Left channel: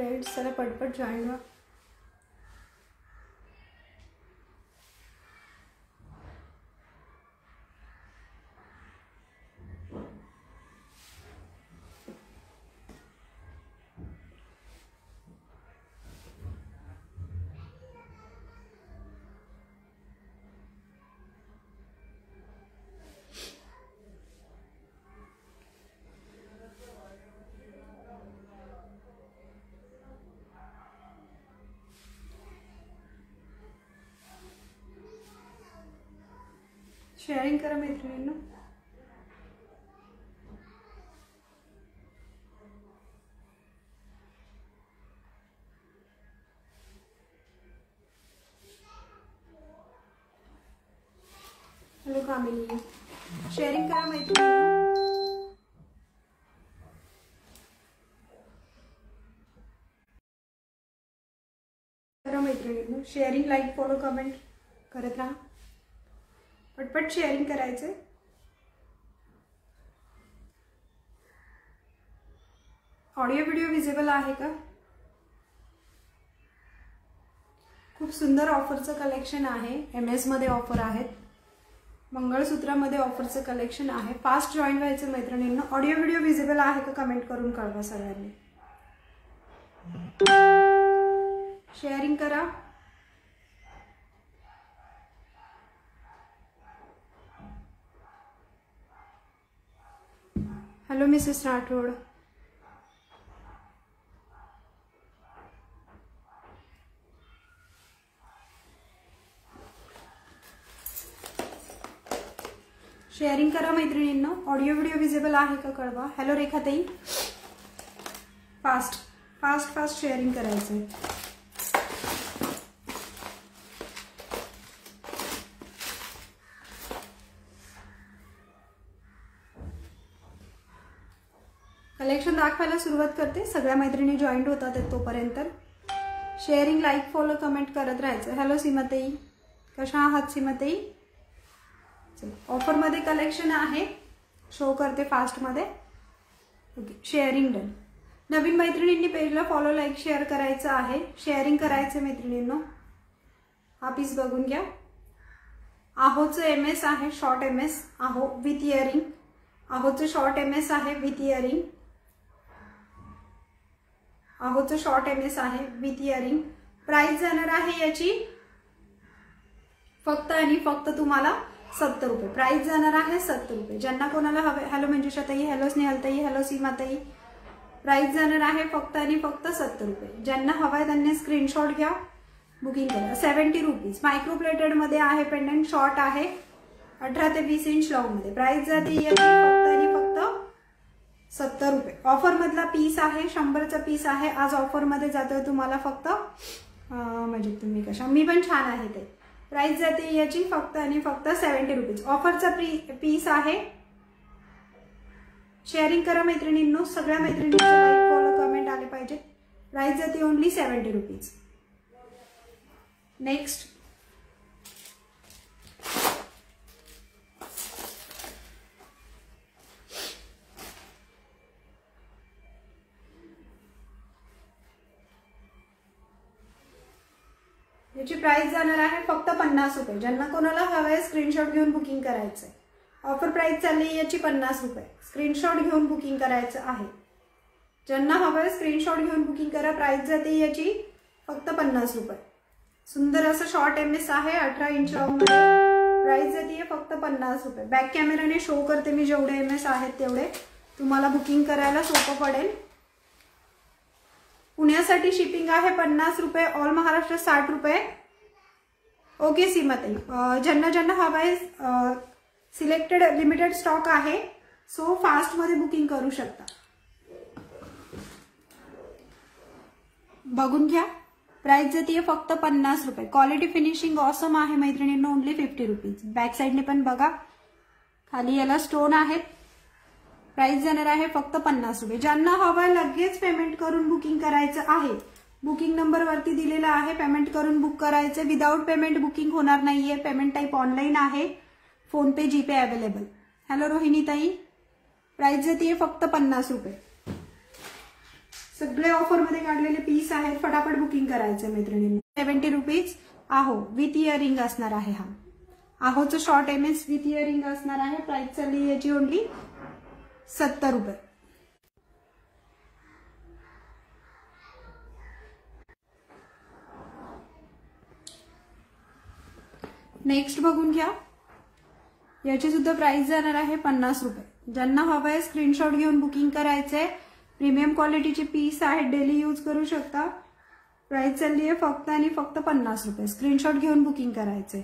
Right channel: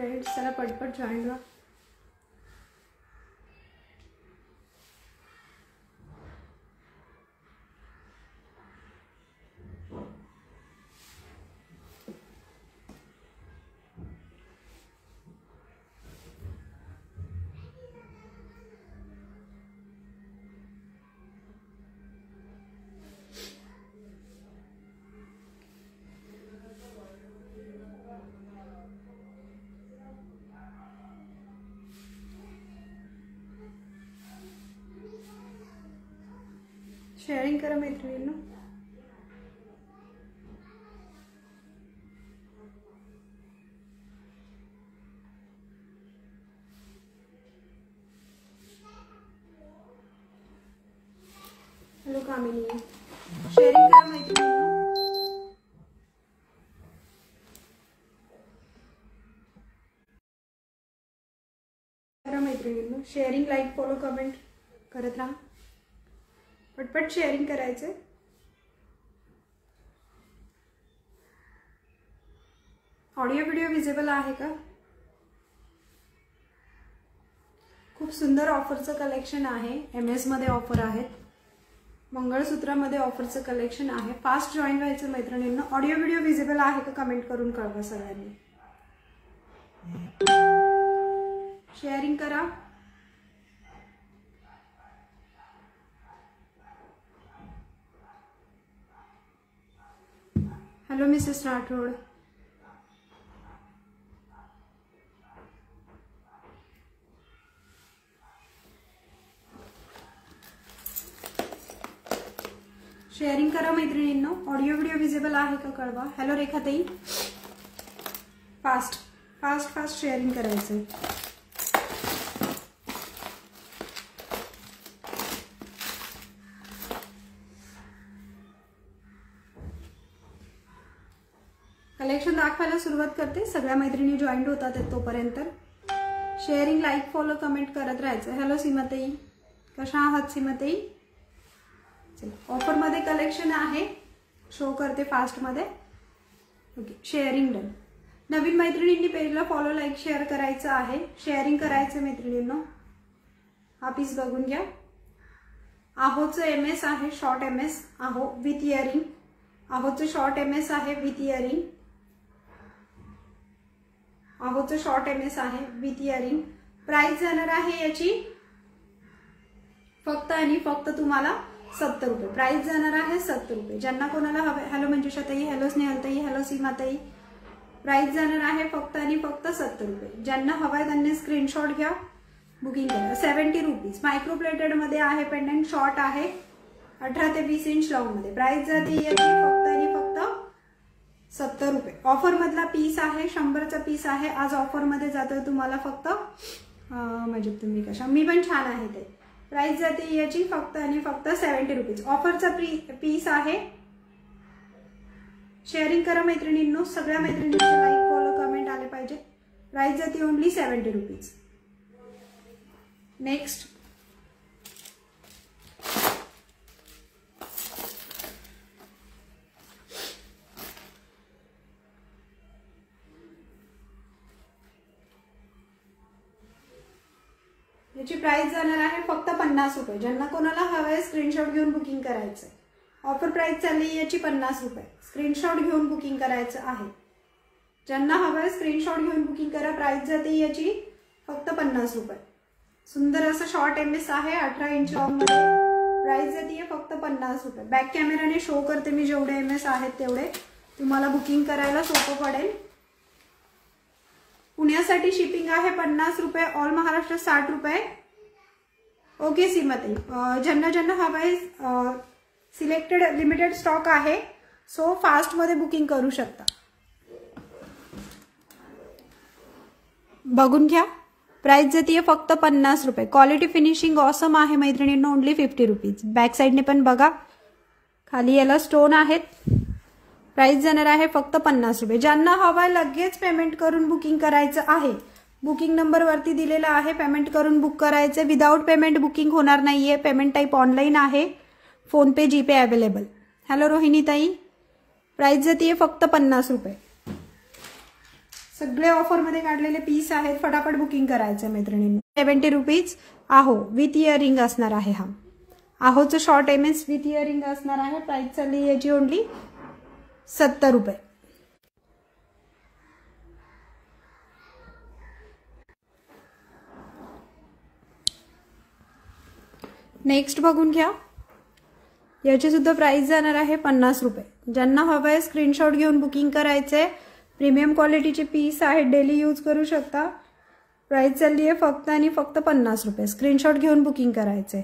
फ्रेंड्स, चला पटपट जॉईन व्हा. शेअरिंग करा मैत्रिणींनो. हॅलो कामिनी, शेअरिंग करा मैत्रिणींनो. करा मैत्रिणींनो शेअरिंग, लाईक, फॉलो, कमेंट करत राहा. पटपट शेअरिंग करायचे. ऑडिओ व्हिडिओ विजिबल आहे का? खूप सुंदर ऑफरचं कलेक्शन आहे. MS मध्ये ऑफर आहेत, मंगळसूत्रामध्ये ऑफरचं कलेक्शन आहे. फास्ट जॉईन व्हायचं मैत्रिणींना. ऑडिओ व्हिडिओ विजिबल आहे का कमेंट करून कळवा सगळ्यांनी. शेअरिंग करा. Hello Mrs Rathod. शेअरिंग करा मैत्रिणींनो. ऑडिओ व्हिडिओ विजिबल आहे का कळवा. हॅलो रेखाताई. फास्ट फास्ट फास्ट शेअरिंग करायचंय. कलेक्शन दाखवायला सुरुवात करते. सगळ्या मैत्रिणी जॉईंट होतात तोपर्यंत शेअरिंग, लाईक, फॉलो, कमेंट करत राहायचं. हॅलो सीमाताई, कशा आहात सीमाताई. चला, ऑफर मध्ये कलेक्शन आहे, शो करते फास्ट मध्ये. Okay, sharing done. नवीन मैत्रिणींनी पेजला फॉलो, लाईक, शेअर करायचं आहे. शेअरिंग करायचं मैत्रिणींनो. हा पीस बघून घ्या. आहोचं MS आहे, शॉर्ट MS आहो विथ इयरिंग. आहोचं शॉर्ट MS आहे विथ इयरिंग. आहोचं शॉर्ट MS आहे विथ इयरिंग. प्राइस जाणार आहे याची फक्त आणि फक्त तुम्हाला 70 रुपये. प्राइस जाणार आहे 70 रुपये. ज्यांना कोणाला हवे. हॅलो मंजुषाताई, हॅलो स्नेहलताई, हॅलो सीमाताई. प्राइस जाणार आहे फक्त आणि फक्त 70 रुपये. ज्यांना हवाय त्यांनी स्क्रीनशॉट घ्या, बुकिंग करा. 70 रुपीज. मायक्रो प्लेटेड मध्ये आहे पेंडंट, शॉर्ट आहे 18 ते 20 इंच लॉंग मध्ये. प्राइस जाते याची फक्त आणि फक्त 70 रुपये. ऑफर मधला पीस आहे, 100चा पीस आहे. आज ऑफर मध्ये जातोय तुम्हाला फक्त म्हणजे तुम्ही कशा, मी पण छान आहे ते. प्राइस जाते याची फक्त आणि फक्त 70 रुपीज. ऑफरचा पीस आहे. शेअरिंग करा मैत्रिणींनो. सगळ्या मैत्रिणींचे लाईक, फॉलो, कमेंट आले पाहिजे. प्राइस जाते ओनली 70 रुपीज. नेक्स्ट याची प्राइस जाणार आहे फक्त 50 रुपये. ज्यांना कोणाला हवंय स्क्रीनशॉट घेऊन बुकिंग करायचंय. ऑफर प्राइस चालली याची 50 रुपये. स्क्रीनशॉट घेऊन बुकिंग करायचं आहे. ज्यांना हवंय स्क्रीनशॉट घेऊन बुकिंग करा. प्राइस जाते याची फक्त 50 रुपये. सुंदर असं शॉर्ट MS आहे 18 इंच लॉंग मध्ये. प्राइस जाते फक्त 50 रुपये. बॅक कॅमेराने शो करते मी जेवढे MS आहेत तेवढे. तुम्हाला बुकिंग करायला सोपं पडेल. पुण्यासाठी शिपिंग आहे 50 रुपये. ऑल महाराष्ट्र 60 रुपये. ओके सीमाताई. ज्यांना ज्यांना हवंय सिलेक्टेड लिमिटेड स्टॉक आहे, सो फास्ट मध्ये बुकिंग करू शकता. बघून घ्या. प्राइस जाते फक्त 50 रुपये. क्वालिटी फिनिशिंग ऑसम आहे मैत्रिणींनो. ओनली 50 रुपीज. बॅक साइडने पण बघा, खाली याला स्टोन आहेत. प्राइस जाणार आहे फक्त 50 रुपये. ज्यांना हवाय लगेच पेमेंट करून बुकिंग करायचं आहे. बुकिंग नंबर वरती दिलेला आहे. पेमेंट करून बुक करायचं. विदाउट पेमेंट बुकिंग होणार नाहीये. पेमेंट टाईप ऑनलाईन आहे. फोन पे, जीपे अवेलेबल. हॅलो रोहिणी ताई. प्राइस जाते फक्त 50 रुपये. सगळे ऑफर मध्ये काढलेले पीस आहेत, फटाफट बुकिंग करायचं मैत्रिणींनी. 70 रुपीज आहो विथ इयरिंग असणार आहे. हा आहोचं शॉर्ट एमएस विथ इयरिंग असणार आहे. प्राइस चालली याची ओनली 70 रुपये. नेक्स्ट बघून घ्या. याची सुद्धा प्राइस जाणार आहे 50 रुपये. ज्यांना हवंय स्क्रीनशॉट घेऊन बुकिंग करायचंय. प्रीमियम क्वालिटीचे पीस आहेत, डेली यूज करू शकता. प्राइस चालली आहे फक्त आणि फक्त 50 रुपये. स्क्रीनशॉट घेऊन बुकिंग करायचंय.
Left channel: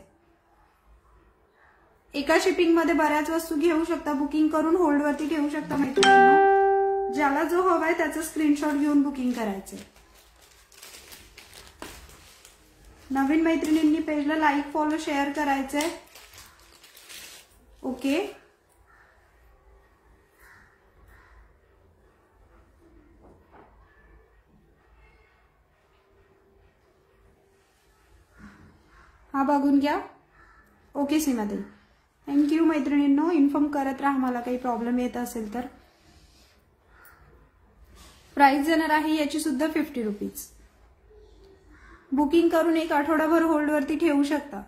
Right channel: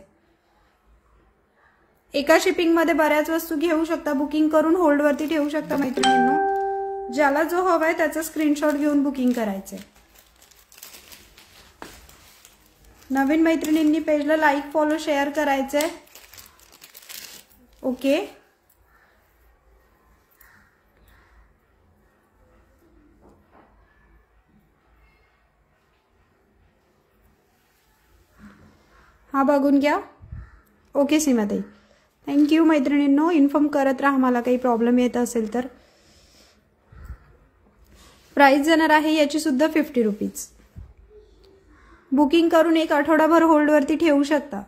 एका शिपिंग मध्ये बऱ्याच वस्तू घेऊ शकता. बुकिंग करून होल्डवरती ठेवू शकता मैत्रिणींनो. ज्याला जो हवाय त्याचा स्क्रीनशॉट घेऊन बुकिंग करायचंय. नवीन मैत्रिणींनी पेजला लाईक, फॉलो, शेअर करायचंय. ओके. हा बघून घ्या. ओके सीमाताई, थँक्यू मैत्रिणींनो. इन्फॉर्म करत राहा मला काही प्रॉब्लेम येत असेल तर. प्राइस जाणार आहे याची सुद्धा 50 रुपीज. बुकिंग करून एक आठवडाभर होल्डवरती ठेवू शकता.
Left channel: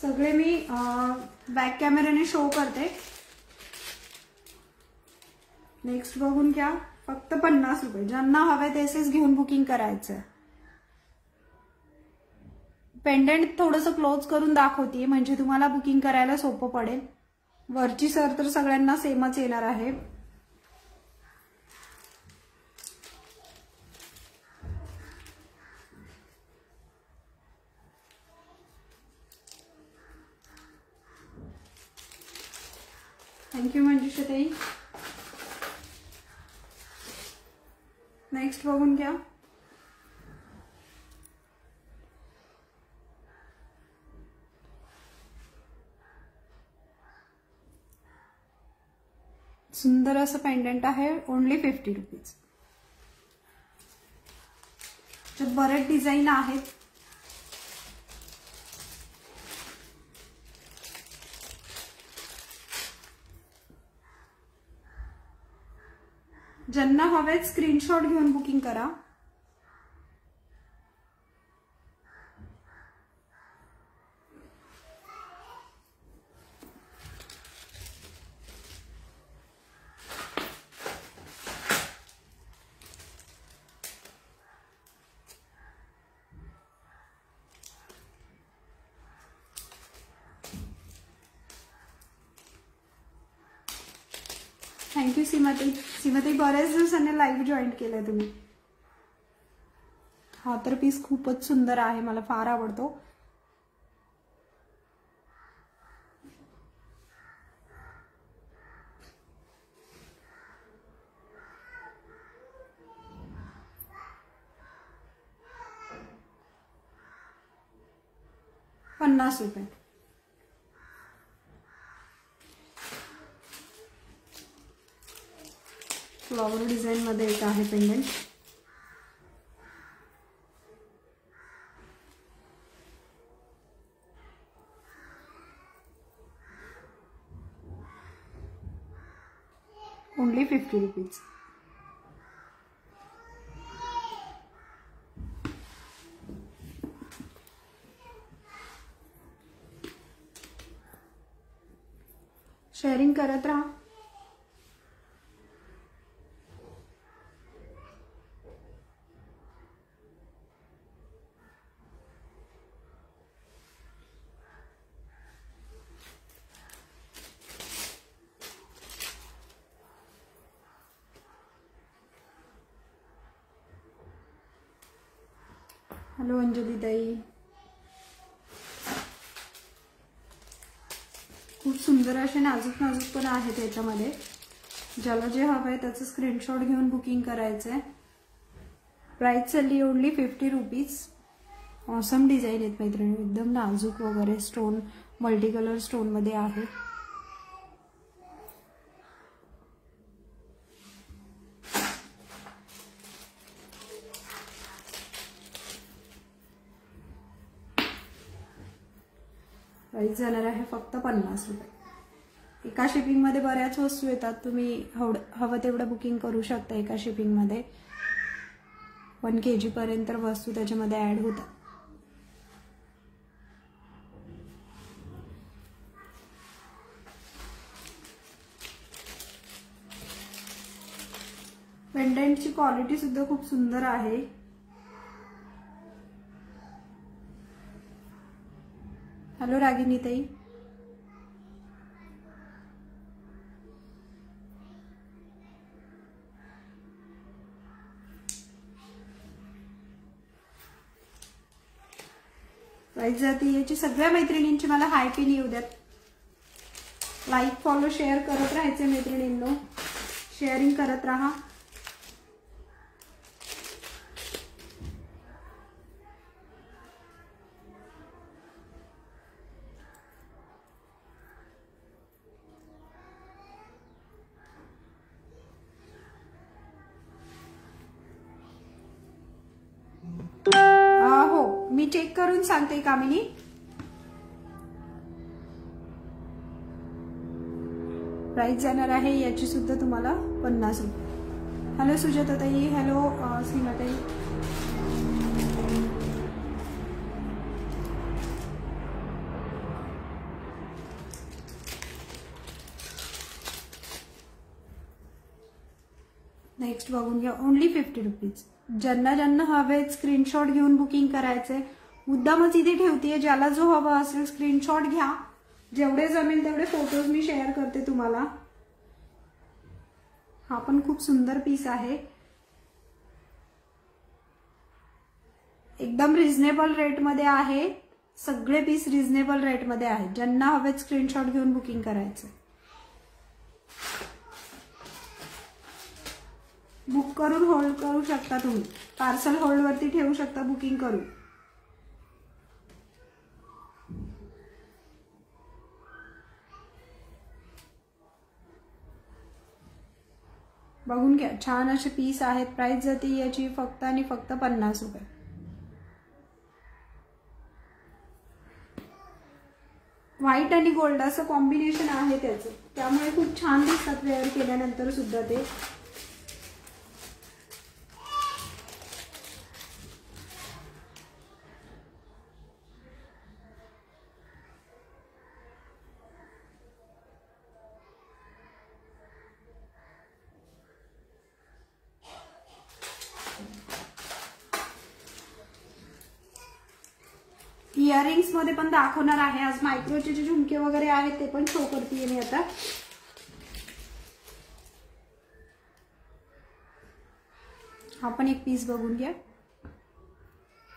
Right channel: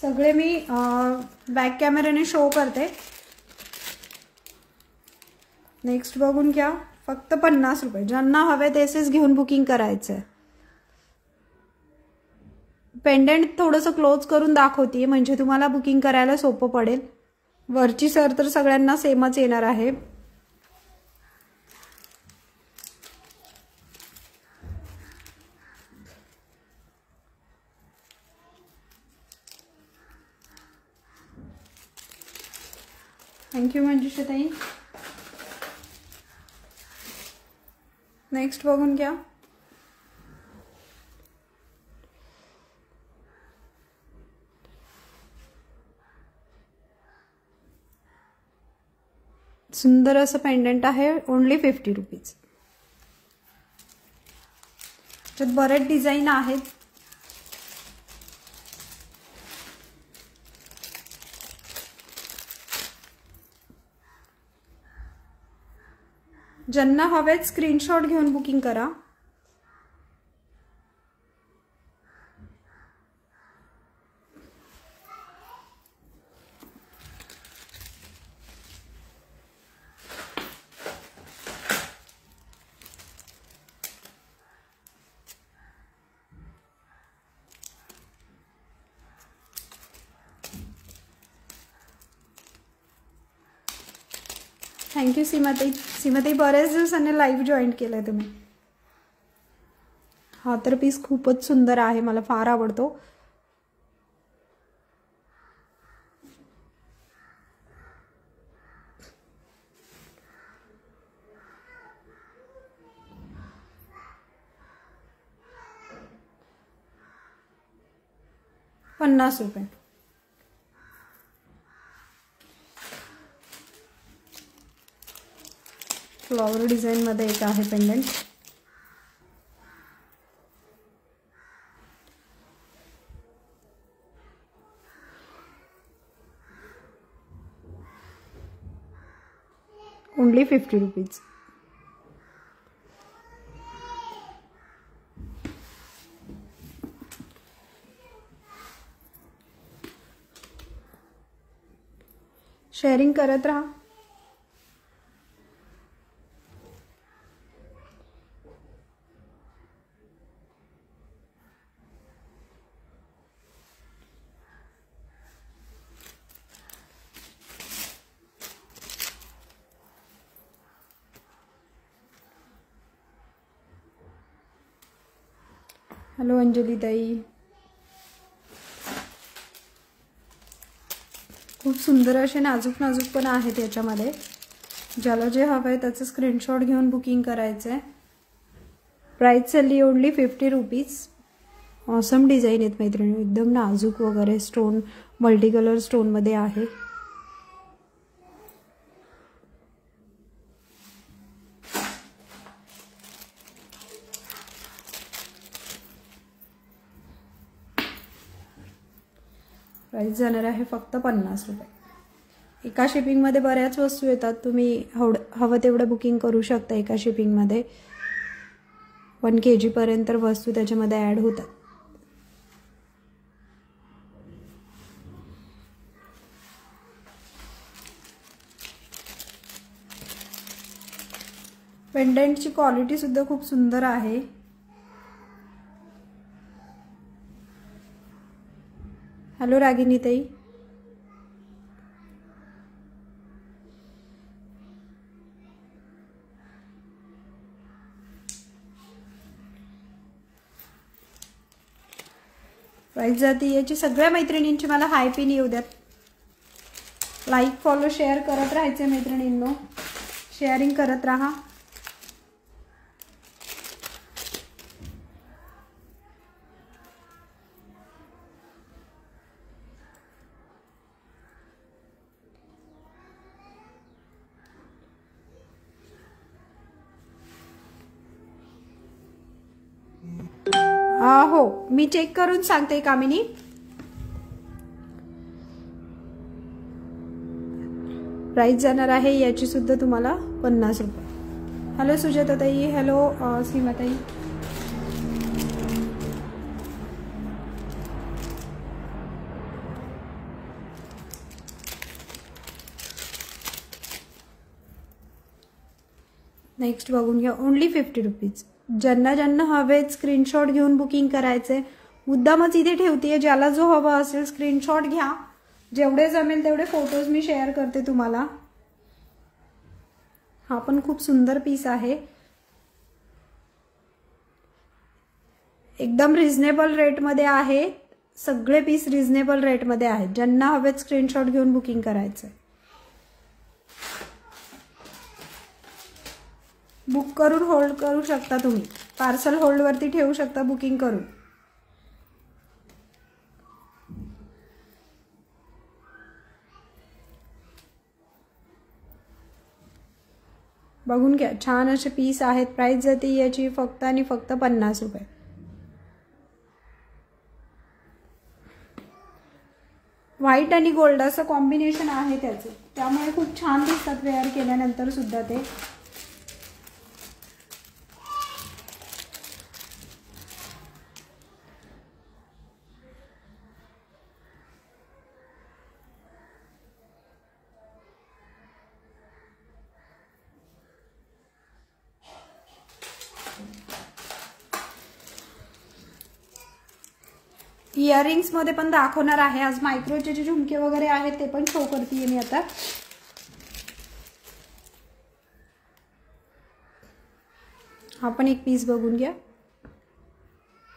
सगळे मी बॅक कॅमेऱ्याने शो करते. नेक्स्ट बघून घ्या. फक्त 50 रुपये. ज्यांना हवे तेसेच घेऊन बुकिंग करायचं. पेंडेंट थोडंसं क्लोज करून दाखवते म्हणजे तुम्हाला बुकिंग करायला सोपं पडेल. वरची सर तर सगळ्यांना सेमच येणार आहे. थँक्यू मंजुषाताई. नेक्स्ट बघून घ्या. सुंदर असं पेंडेंट आहे. ओनली 50 रुपीज. त्यात बरेच डिझाईन आहेत. ज्यांना हवेत स्क्रीनशॉट घेऊन बुकिंग करा. थँक्यू सीमाताई. सीमाताई बरेच दिवसांनी लाईव्ह जॉईन केलाय तुम्ही. हा तर पीस खूपच सुंदर आहे, मला फार आवडतो. ₹50. फ्लॉवर डिझाइन मध्ये एक आहे पेंडेंट. Only 50 rupees. शेअरिंग करत राहा. हॅलो अंजली ताई. खूप सुंदर असे नाजूक नाजूक पण आहेत याच्यामध्ये. ज्याला जे हवं आहे त्याचं स्क्रीनशॉट घेऊन बुकिंग करायचं आहे. प्राइस चालली ओनली 50 रुपीज. ऑसम डिझाईन आहेत मैत्रिणी, एकदम नाजूक वगैरे. स्टोन मल्टी कलर स्टोन मध्ये आहे. प्राइस जाणार आहे फक्त 50 रुपये। एका शिपिंगमध्ये बऱ्याच वस्तू येतात, तुम्ही हवं तेवढं बुकिंग करू शकता। एका शिपिंगमध्ये 1 kg पर्यंत वस्तू त्याच्यामध्ये ॲड होतात। पेंडंटची क्वालिटी सुद्धा खूप सुंदर आहे। हॅलो रागिनी ताई, प्राइस जाती याची सगळ्या मैत्रिणींची मला हाय पिन येऊ द्यात। लाईक फॉलो शेअर करत राहायचे मैत्रिणींनो, शेअरिंग करत राहा। हो, मी चेक करून सांगते कामिनी। प्राइस जाणार आहे याची सुद्धा तुम्हाला 50 रुपये। हॅलो सुजाता ताई, हॅलो सीमा ताई। नेक्स्ट बघून घ्या, ओनली 50 रुपीज। ज्यांना ज्यांना हवे स्क्रीनशॉट घेऊन बुकिंग करायचंय, मुद्दामच इथे ठेवतेय, ज्याला जो हवा असेल स्क्रीनशॉट घ्या, जेवढे जमेल तेवढे फोटोज मी शेअर करते तुम्हाला। हा पण खूप सुंदर पीस आहे, एकदम रिझनेबल रेट मध्ये आहे। सगळे पीस रिझनेबल रेट मध्ये आहेत, ज्यांना हवे स्क्रीनशॉट घेऊन बुकिंग करायचंय। बुक करून होल्ड करू शकता तुम्ही, पार्सल होल्ड वरती ठेवू शकता बुकिंग करून। बघून घ्या, छान असे पीस आहेत। प्राइस जाते याची फक्त आणि फक्त 50 रुपये। व्हाईट आणि गोल्ड असं कॉम्बिनेशन आहे त्याचं, त्यामुळे खूप छान दिसतात वेअर केल्यानंतर सुद्धा ते। इयरिंग्स मध्ये पण दाखवणार आहे आज। मायक्रोचे जे झुमके वगैरे आहेत ते पण शो करते मी आता। हा पण एक पीस बघून घ्या,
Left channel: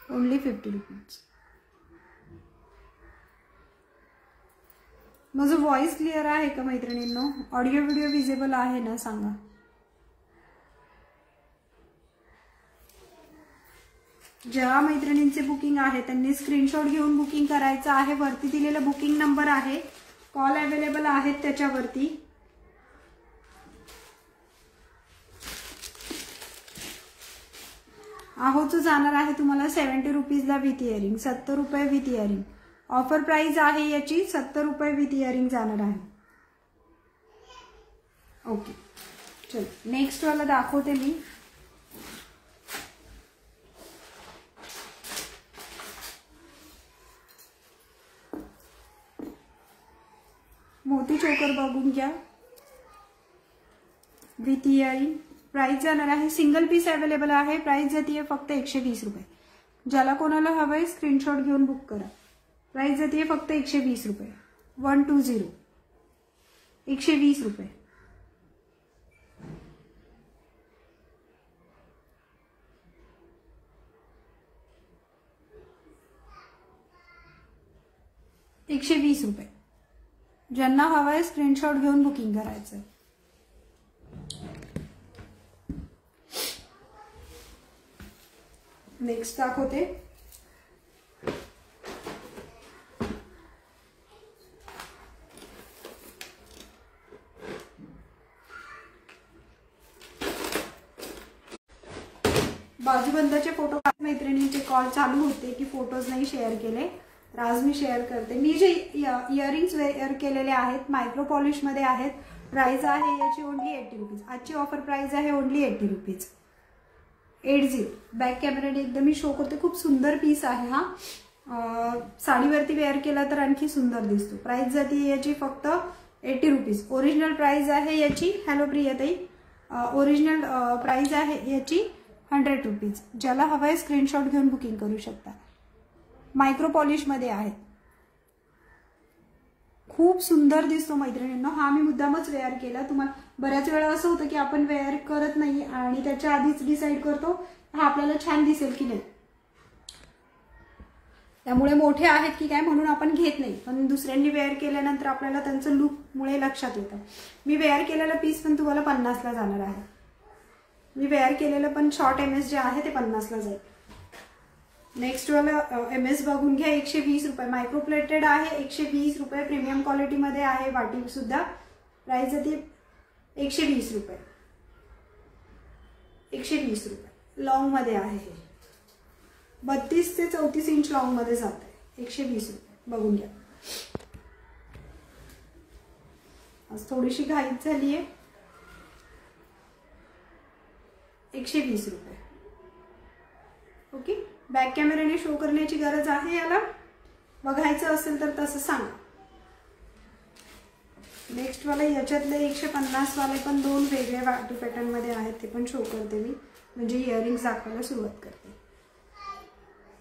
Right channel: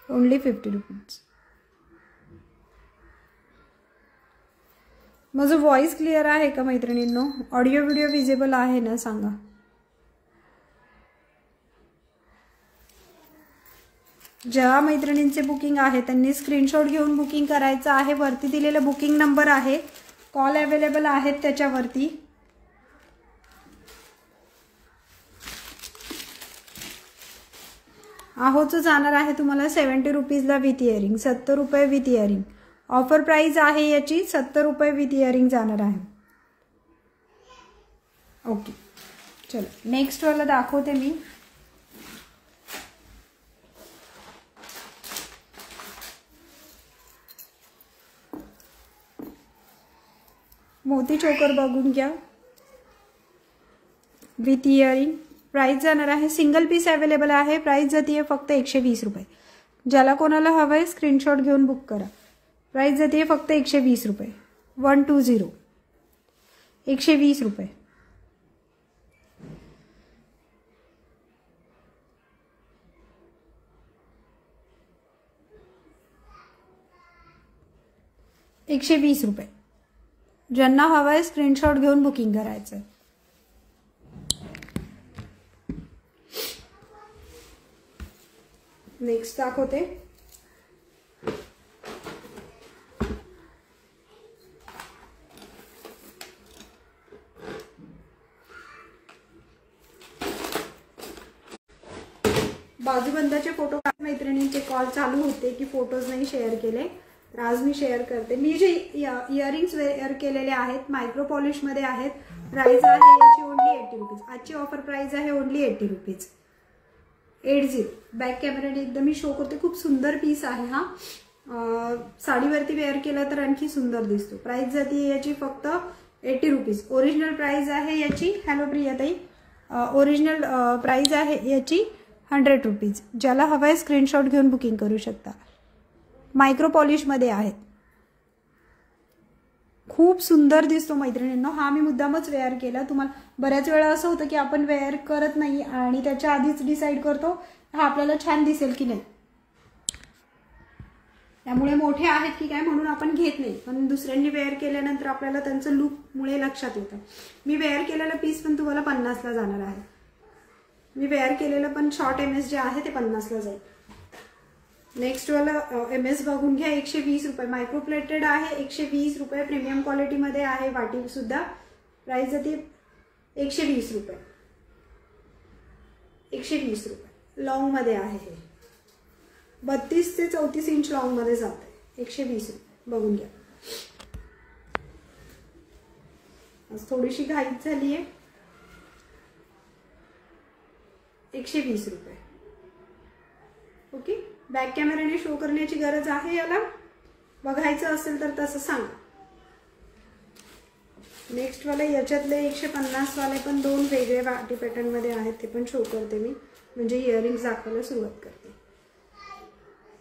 ओनली 50 रुपीज। माझं व्हॉइस क्लिअर आहे का मैत्रिणींनो? ऑडिओ व्हिडिओ विजिबल आहे ना सांगा। ज्या मैत्रिणींचे बुकिंग आहे त्यांनी स्क्रीनशॉट घेऊन बुकिंग करायचं आहे। वरती दिलेला बुकिंग नंबर आहे, कॉल अवेलेबल आहेत त्याच्यावरती। आहोचं जाणार आहे तुम्हाला 70 रुपीजला विथ इयरिंग, 70 रुपये विथ इयरिंग। ऑफर प्राइस आहे याची 70 रुपये विथ इयरिंग जाणार आहे। ओके, चलो नेक्स्ट वाला दाखवते मी। मोती चोकर बघून घ्या विथ इयरिंग। प्राइस जाणार आहे, सिंगल पीस अवेलेबल आहे। प्राइस जातीये फक्त 120 रुपये। ज्याला कोणाला हवंय स्क्रीनशॉट घेऊन बुक करा। प्राइस जातीये फक्त 120 रुपये, 120 120 रुपये। ₹120। ज्यांना हवंय स्क्रीनशॉट घेऊन बुकिंग करायचंय। नेक्स्ट दाखवते, बाजूबंदाचे फोटो। मैत्रिणींचे कॉल चालू होते की फोटोज नाही शेअर केले, तर आज मी शेअर करते. मी जे इयरिंग्स वेअर केलेले आहेत मायक्रो पॉलिश मध्ये आहेत. प्राइस आहे याची ओनली 80 रुपीज. आजची ऑफर प्राइस आहे ओनली 80 रुपीज. 80. बॅक कॅमेराने एकदम मी शो करते. खूप सुंदर पीस आहे हा. साडीवरती वेअर केला तर आणखी सुंदर दिसतो. प्राइस जाते याची फक्त 80 रुपीज. ओरिजिनल प्राइस आहे याची, हॅलो प्रियाताई, ओरिजिनल प्राइस आहे याची 100 रुपीज. ज्याला हवंय स्क्रीनशॉट घेऊन बुकिंग करू शकता. मायक्रो पॉलिश मध्ये आहेत. खूप सुंदर दिसतो मैत्रिणींनो. हा मी मुद्दामच वेअर केला. तुम्हाला बऱ्याच वेळा असं होतं की आपण वेअर करत नाही आणि त्याच्या आधीच डिसाईड करतो हा आपल्याला छान दिसेल की नाही, त्यामुळे मोठे आहेत की काय म्हणून आपण घेत नाही, पण दुसऱ्यांनी वेअर केल्यानंतर आपल्याला त्यांचं लुक मुळे लक्षात येतं. मी वेअर केलेला पीस पण तुम्हाला 50 ला जाणार आहे. मी वेअर केलेलं पण शॉर्ट MS जे आहे ते 50 ला जाईल. नेक्स्ट वाला MS बघून घ्या. 120 रुपये. मायक्रो प्लेटेड आहे. 120 रुपये. प्रीमियम क्वालिटी मध्ये आहे. वाटी सुद्धा. प्राइस जाते 120 रुपये. 120 रुपये. लॉंग मध्ये आहे हे. 32 ते 34 इंच लॉंग मध्ये जात आहे. 120 रुपये. बघून घ्या. आज थोडीशी घाईच झाली आहे. 120 रुपये. ओके. बॅक कॅमेराने शो करण्याची गरज आहे याला. बघायचं असेल तर तसं सांगा. नेक्स्ट वाला याच्यातले 150 वाले पण 2 वेगळे वाटी पॅटर्न मध्ये आहेत. ते पण शो करते मी, म्हणजे इयरिंग्स दाखवायला सुरुवात करते.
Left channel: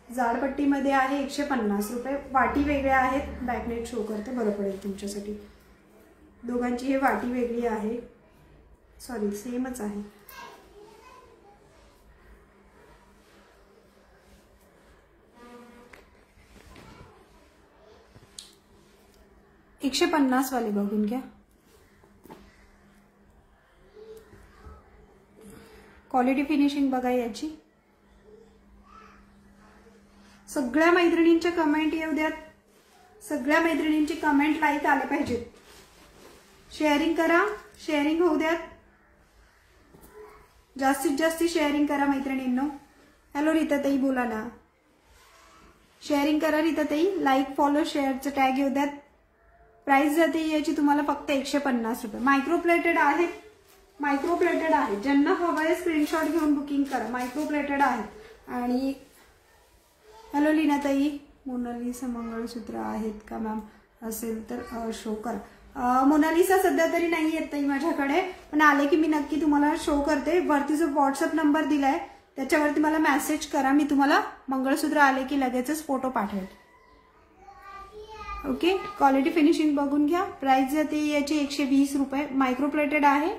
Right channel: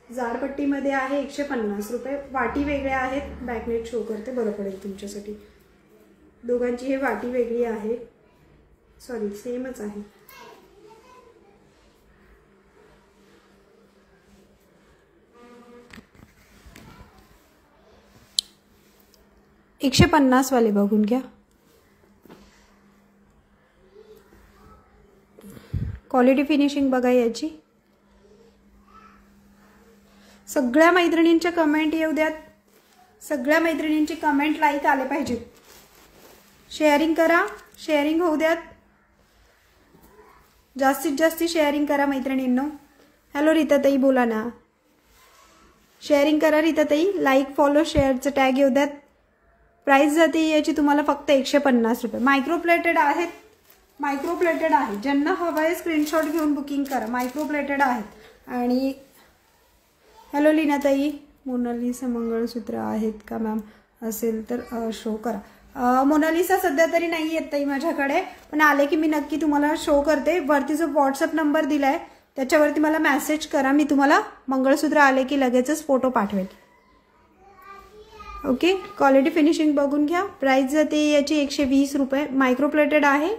जाडपट्टीमध्ये आहे 150 रुपये. वाटी वेगळ्या आहेत. बॅकनेट शो करते, बरं पडेल तुमच्यासाठी. दोघांची हे वाटी वेगळी आहे. सॉरी, सेमच आहे. 150 वाले बघून घ्या. क्वालिटी फिनिशिंग बघा याची. सगळ्या मैत्रिणींच्या कमेंट येऊ द्यात. सगळ्या मैत्रिणींची कमेंट लाईक आले पाहिजेत. शेअरिंग करा. शेअरिंग होऊ द्यात. जास्तीत जास्त शेअरिंग करा मैत्रिणींनो. हॅलो रीताताई, बोला ना. शेअरिंग करा रीताताई. लाईक, फॉलो, शेअरचं टॅग येऊ द्यात. प्राइस जाते याची तुम्हाला फक्त 150 रुपये. मायक्रो प्लेटेड आहेत. मायक्रो प्लेटेड आहे. ज्यांना हवंय स्क्रीनशॉट घेऊन बुकिंग करा. मायक्रो प्लेटेड आहेत. आणि हॅलो लीनाताई, मोनालिसा मंगळसूत्र आहेत का मॅम? असेल तर शो करा. मोनालिसा सध्या तरी नाही येत ताई माझ्याकडे, पण आले की मी नक्की तुम्हाला शो करते. वरती जो व्हॉट्सअप नंबर दिलाय त्याच्यावरती मला मेसेज करा. मी तुम्हाला मंगळसूत्र आले की लगेचच फोटो पाठवेल. ओके. क्वालिटी फिनिशिंग बघून घ्या. प्राइस जाते याची 120 रुपये. मायक्रो प्लेटेड आहे.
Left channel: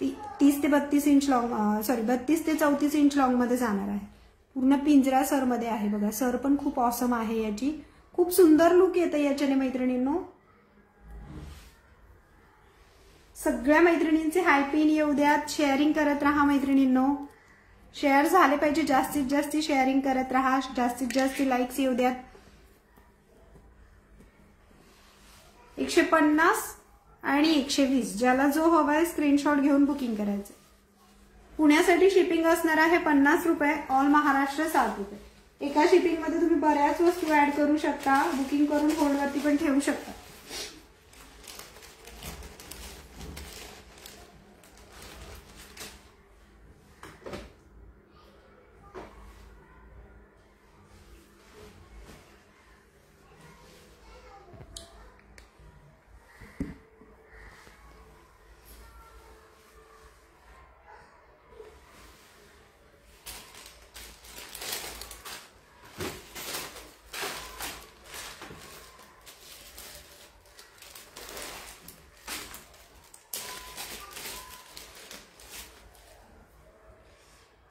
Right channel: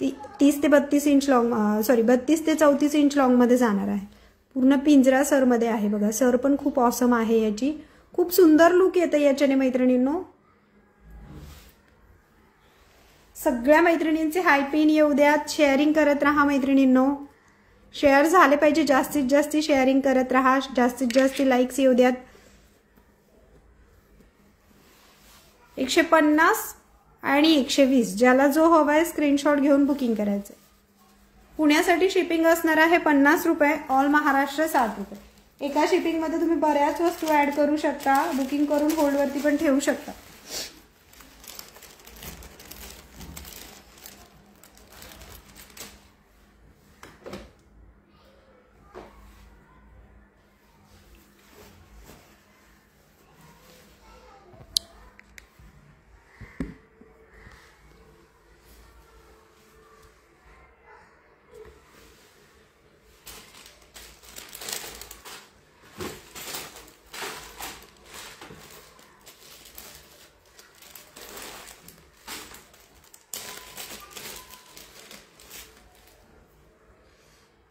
30 ते 32 इंच लॉंग, सॉरी 32 ते 34 इंच लॉंग मध्ये जाणार आहे. पूर्ण पिंजरा सर मध्ये आहे बघा. सर पण खूप ऑसम आहे याची. खूप सुंदर लुक येतं याच्याने मैत्रिणींनो. सगळ्या मैत्रिणींचे हाय पिन येऊ द्यात. शेअरिंग करत राहा मैत्रिणींनो. शेअर झाले पाहिजे. जास्तीत जास्त शेअरिंग करत राहा. जास्तीत जास्त लाईक्स येऊ द्यात. 150 आणि 120. ज्याला जो हवाय स्क्रीनशॉट घेऊन बुकिंग करायचं. पुण्यासाठी शिपिंग असणार आहे 50 रुपये. ऑल महाराष्ट्र 60 रुपये. एका शिपिंग मध्ये तुम्ही बऱ्याच वस्तू ऍड करू शकता. बुकिंग करून होल्डवरती पण ठेवू शकता.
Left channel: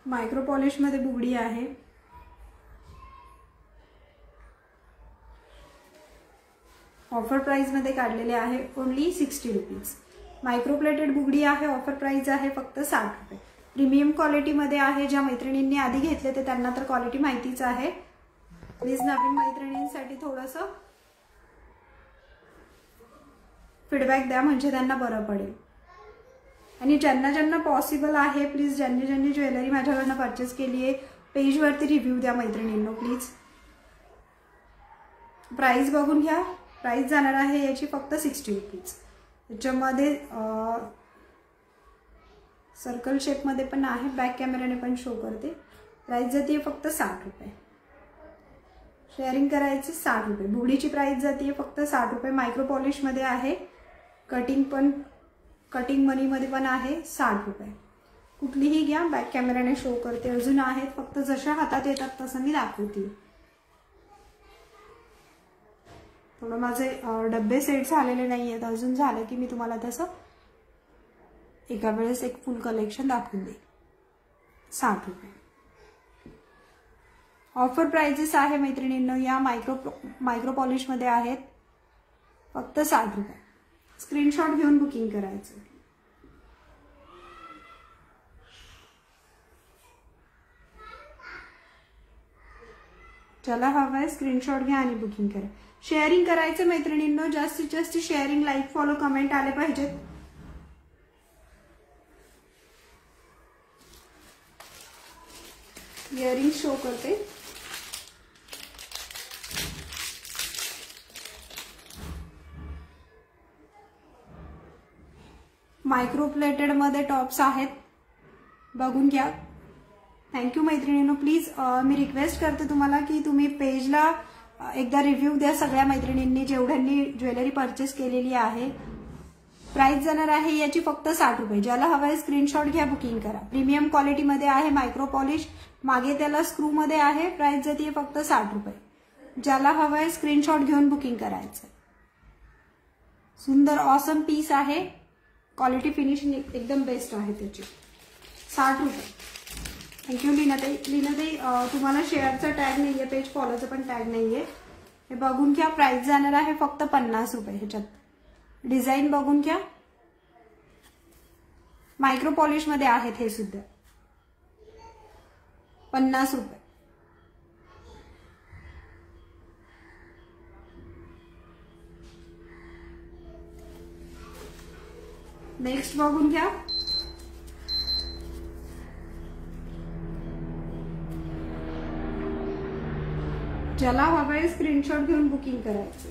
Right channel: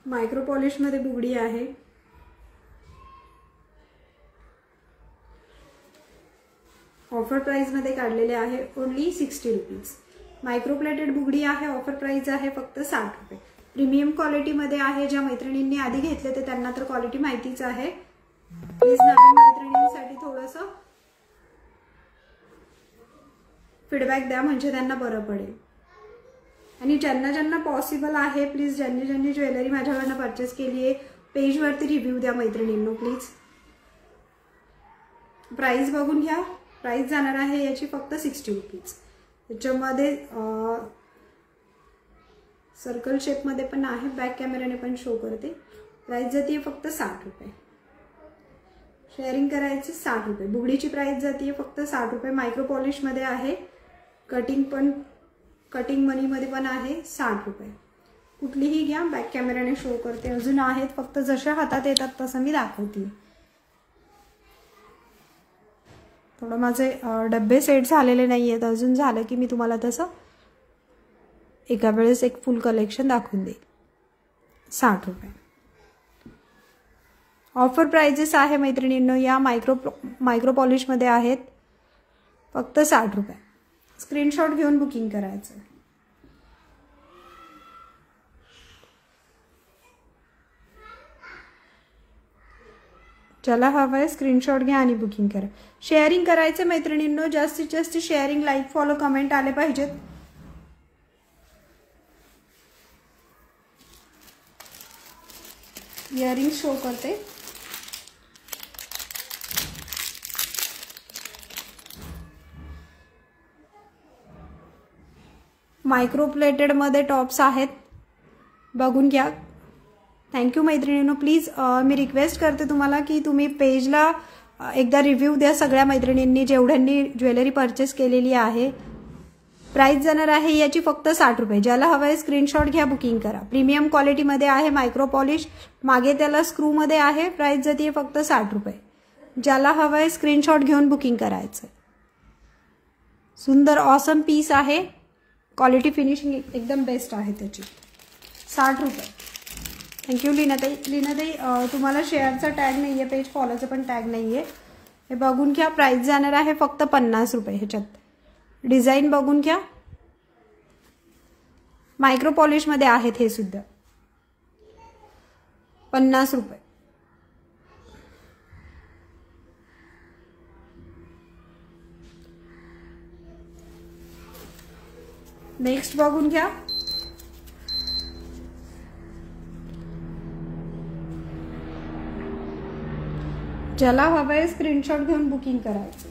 मायक्रो पॉलिश मध्ये बुगडी आहे. ऑफर प्राइस मध्ये काढलेले आहे ओनली 60 रुपीज. मायक्रो प्लेटेड बुगडी आहे. ऑफर प्राइस आहे फक्त 60 रुपये. प्रीमियम क्वालिटी मध्ये आहे. ज्या मैत्रिणींनी आधी घेतले ते त्यांना तर क्वालिटी माहितीच आहे. प्लीज नवीन मैत्रिणींसाठी थोडंसं फीडबॅक द्या म्हणजे त्यांना बरं पडेल. आणि ज्यांना ज्यांना पॉसिबल आहे प्लीज ज्यांनी ज्यांनी ज्वेलरी माझ्याकडनं परचेस केली आहे पेजवरती रिव्ह्यू द्या मैत्रिणींनो प्लीज. प्राइस बघून घ्या. प्राइस जाणार आहे याची फक्त 60 रुपीज. याच्यामध्ये सर्कल शेपमध्ये पण आहे, बॅक कॅमेराने पण शो करते. प्राइस जाते फक्त 60 रुपये. शेअरिंग करायचे 60 रुपये. बुगडीची प्राइस जाते फक्त 60 रुपये. मायक्रो पॉलिश मध्ये आहे, कटिंग मनी मध्ये पण आहे 60 रुपये. कुठलीही घ्या, बॅक कॅमेराने शो करते. अजून आहेत, फक्त जशा हातात येतात तसं मी दाखवते. थोडं माझे डब्बे सेट झालेले नाही आहेत अजून, झालं की मी तुम्हाला तसं एका वेळेस एक फुल कलेक्शन दाखवून देईल. 60 रुपये ऑफर प्राइजेस आहे मैत्रिणींनो. या मायक्रो पॉलिश मध्ये आहेत फक्त 60 रुपये. स्क्रीनशॉट घेऊन बुकिंग करायचं. ज्याला हवं आहे स्क्रीनशॉट घ्या आणि बुकिंग करा. शेअरिंग करायचं मैत्रिणींनो. जास्तीत जास्त शेअरिंग, लाईक, फॉलो, कमेंट आले पाहिजेत. इयरिंग शो करते. मायक्रो प्लेटेड मध्ये टॉप्स आहेत, बघून घ्या. थँक्यू मैत्रिणींनो. प्लीज मी रिक्वेस्ट करते तुम्हाला की तुम्ही पेजला एकदा रिव्ह्यू द्या सगळ्या मैत्रिणींनी जेवढ्यांनी ज्वेलरी परचेस केलेली आहे. प्राइस जाणार आहे याची फक्त 60 रुपये. ज्याला हवं आहे स्क्रीनशॉट घ्या, बुकिंग करा. प्रीमियम क्वालिटीमध्ये आहे, मायक्रो पॉलिश, मागे त्याला स्क्रू मध्ये आहे. प्राइस जाते फक्त 60 रुपये. ज्याला हवं आहे स्क्रीनशॉट घेऊन बुकिंग करायचं. सुंदर ऑसम पीस आहे. क्वालिटी फिनिशिंग एकदम बेस्ट आहे त्याची. 60 रुपये. थँक्यू लीनाताई. लीनाताई तुम्हाला शेअरचा टॅग नाहीये, पेज फॉलोचा पण टॅग नाहीये. हे बघून घ्या. प्राइस जाणार आहे फक्त 50 रुपये. ह्याच्यात डिझाईन बघून घ्या. मायक्रो पॉलिश मध्ये आहेत हे सुद्धा. 50 रुपये. नेक्स्ट बघून घ्या. ज्याला हवं आहे स्क्रीनशॉट घेऊन बुकिंग करायचं.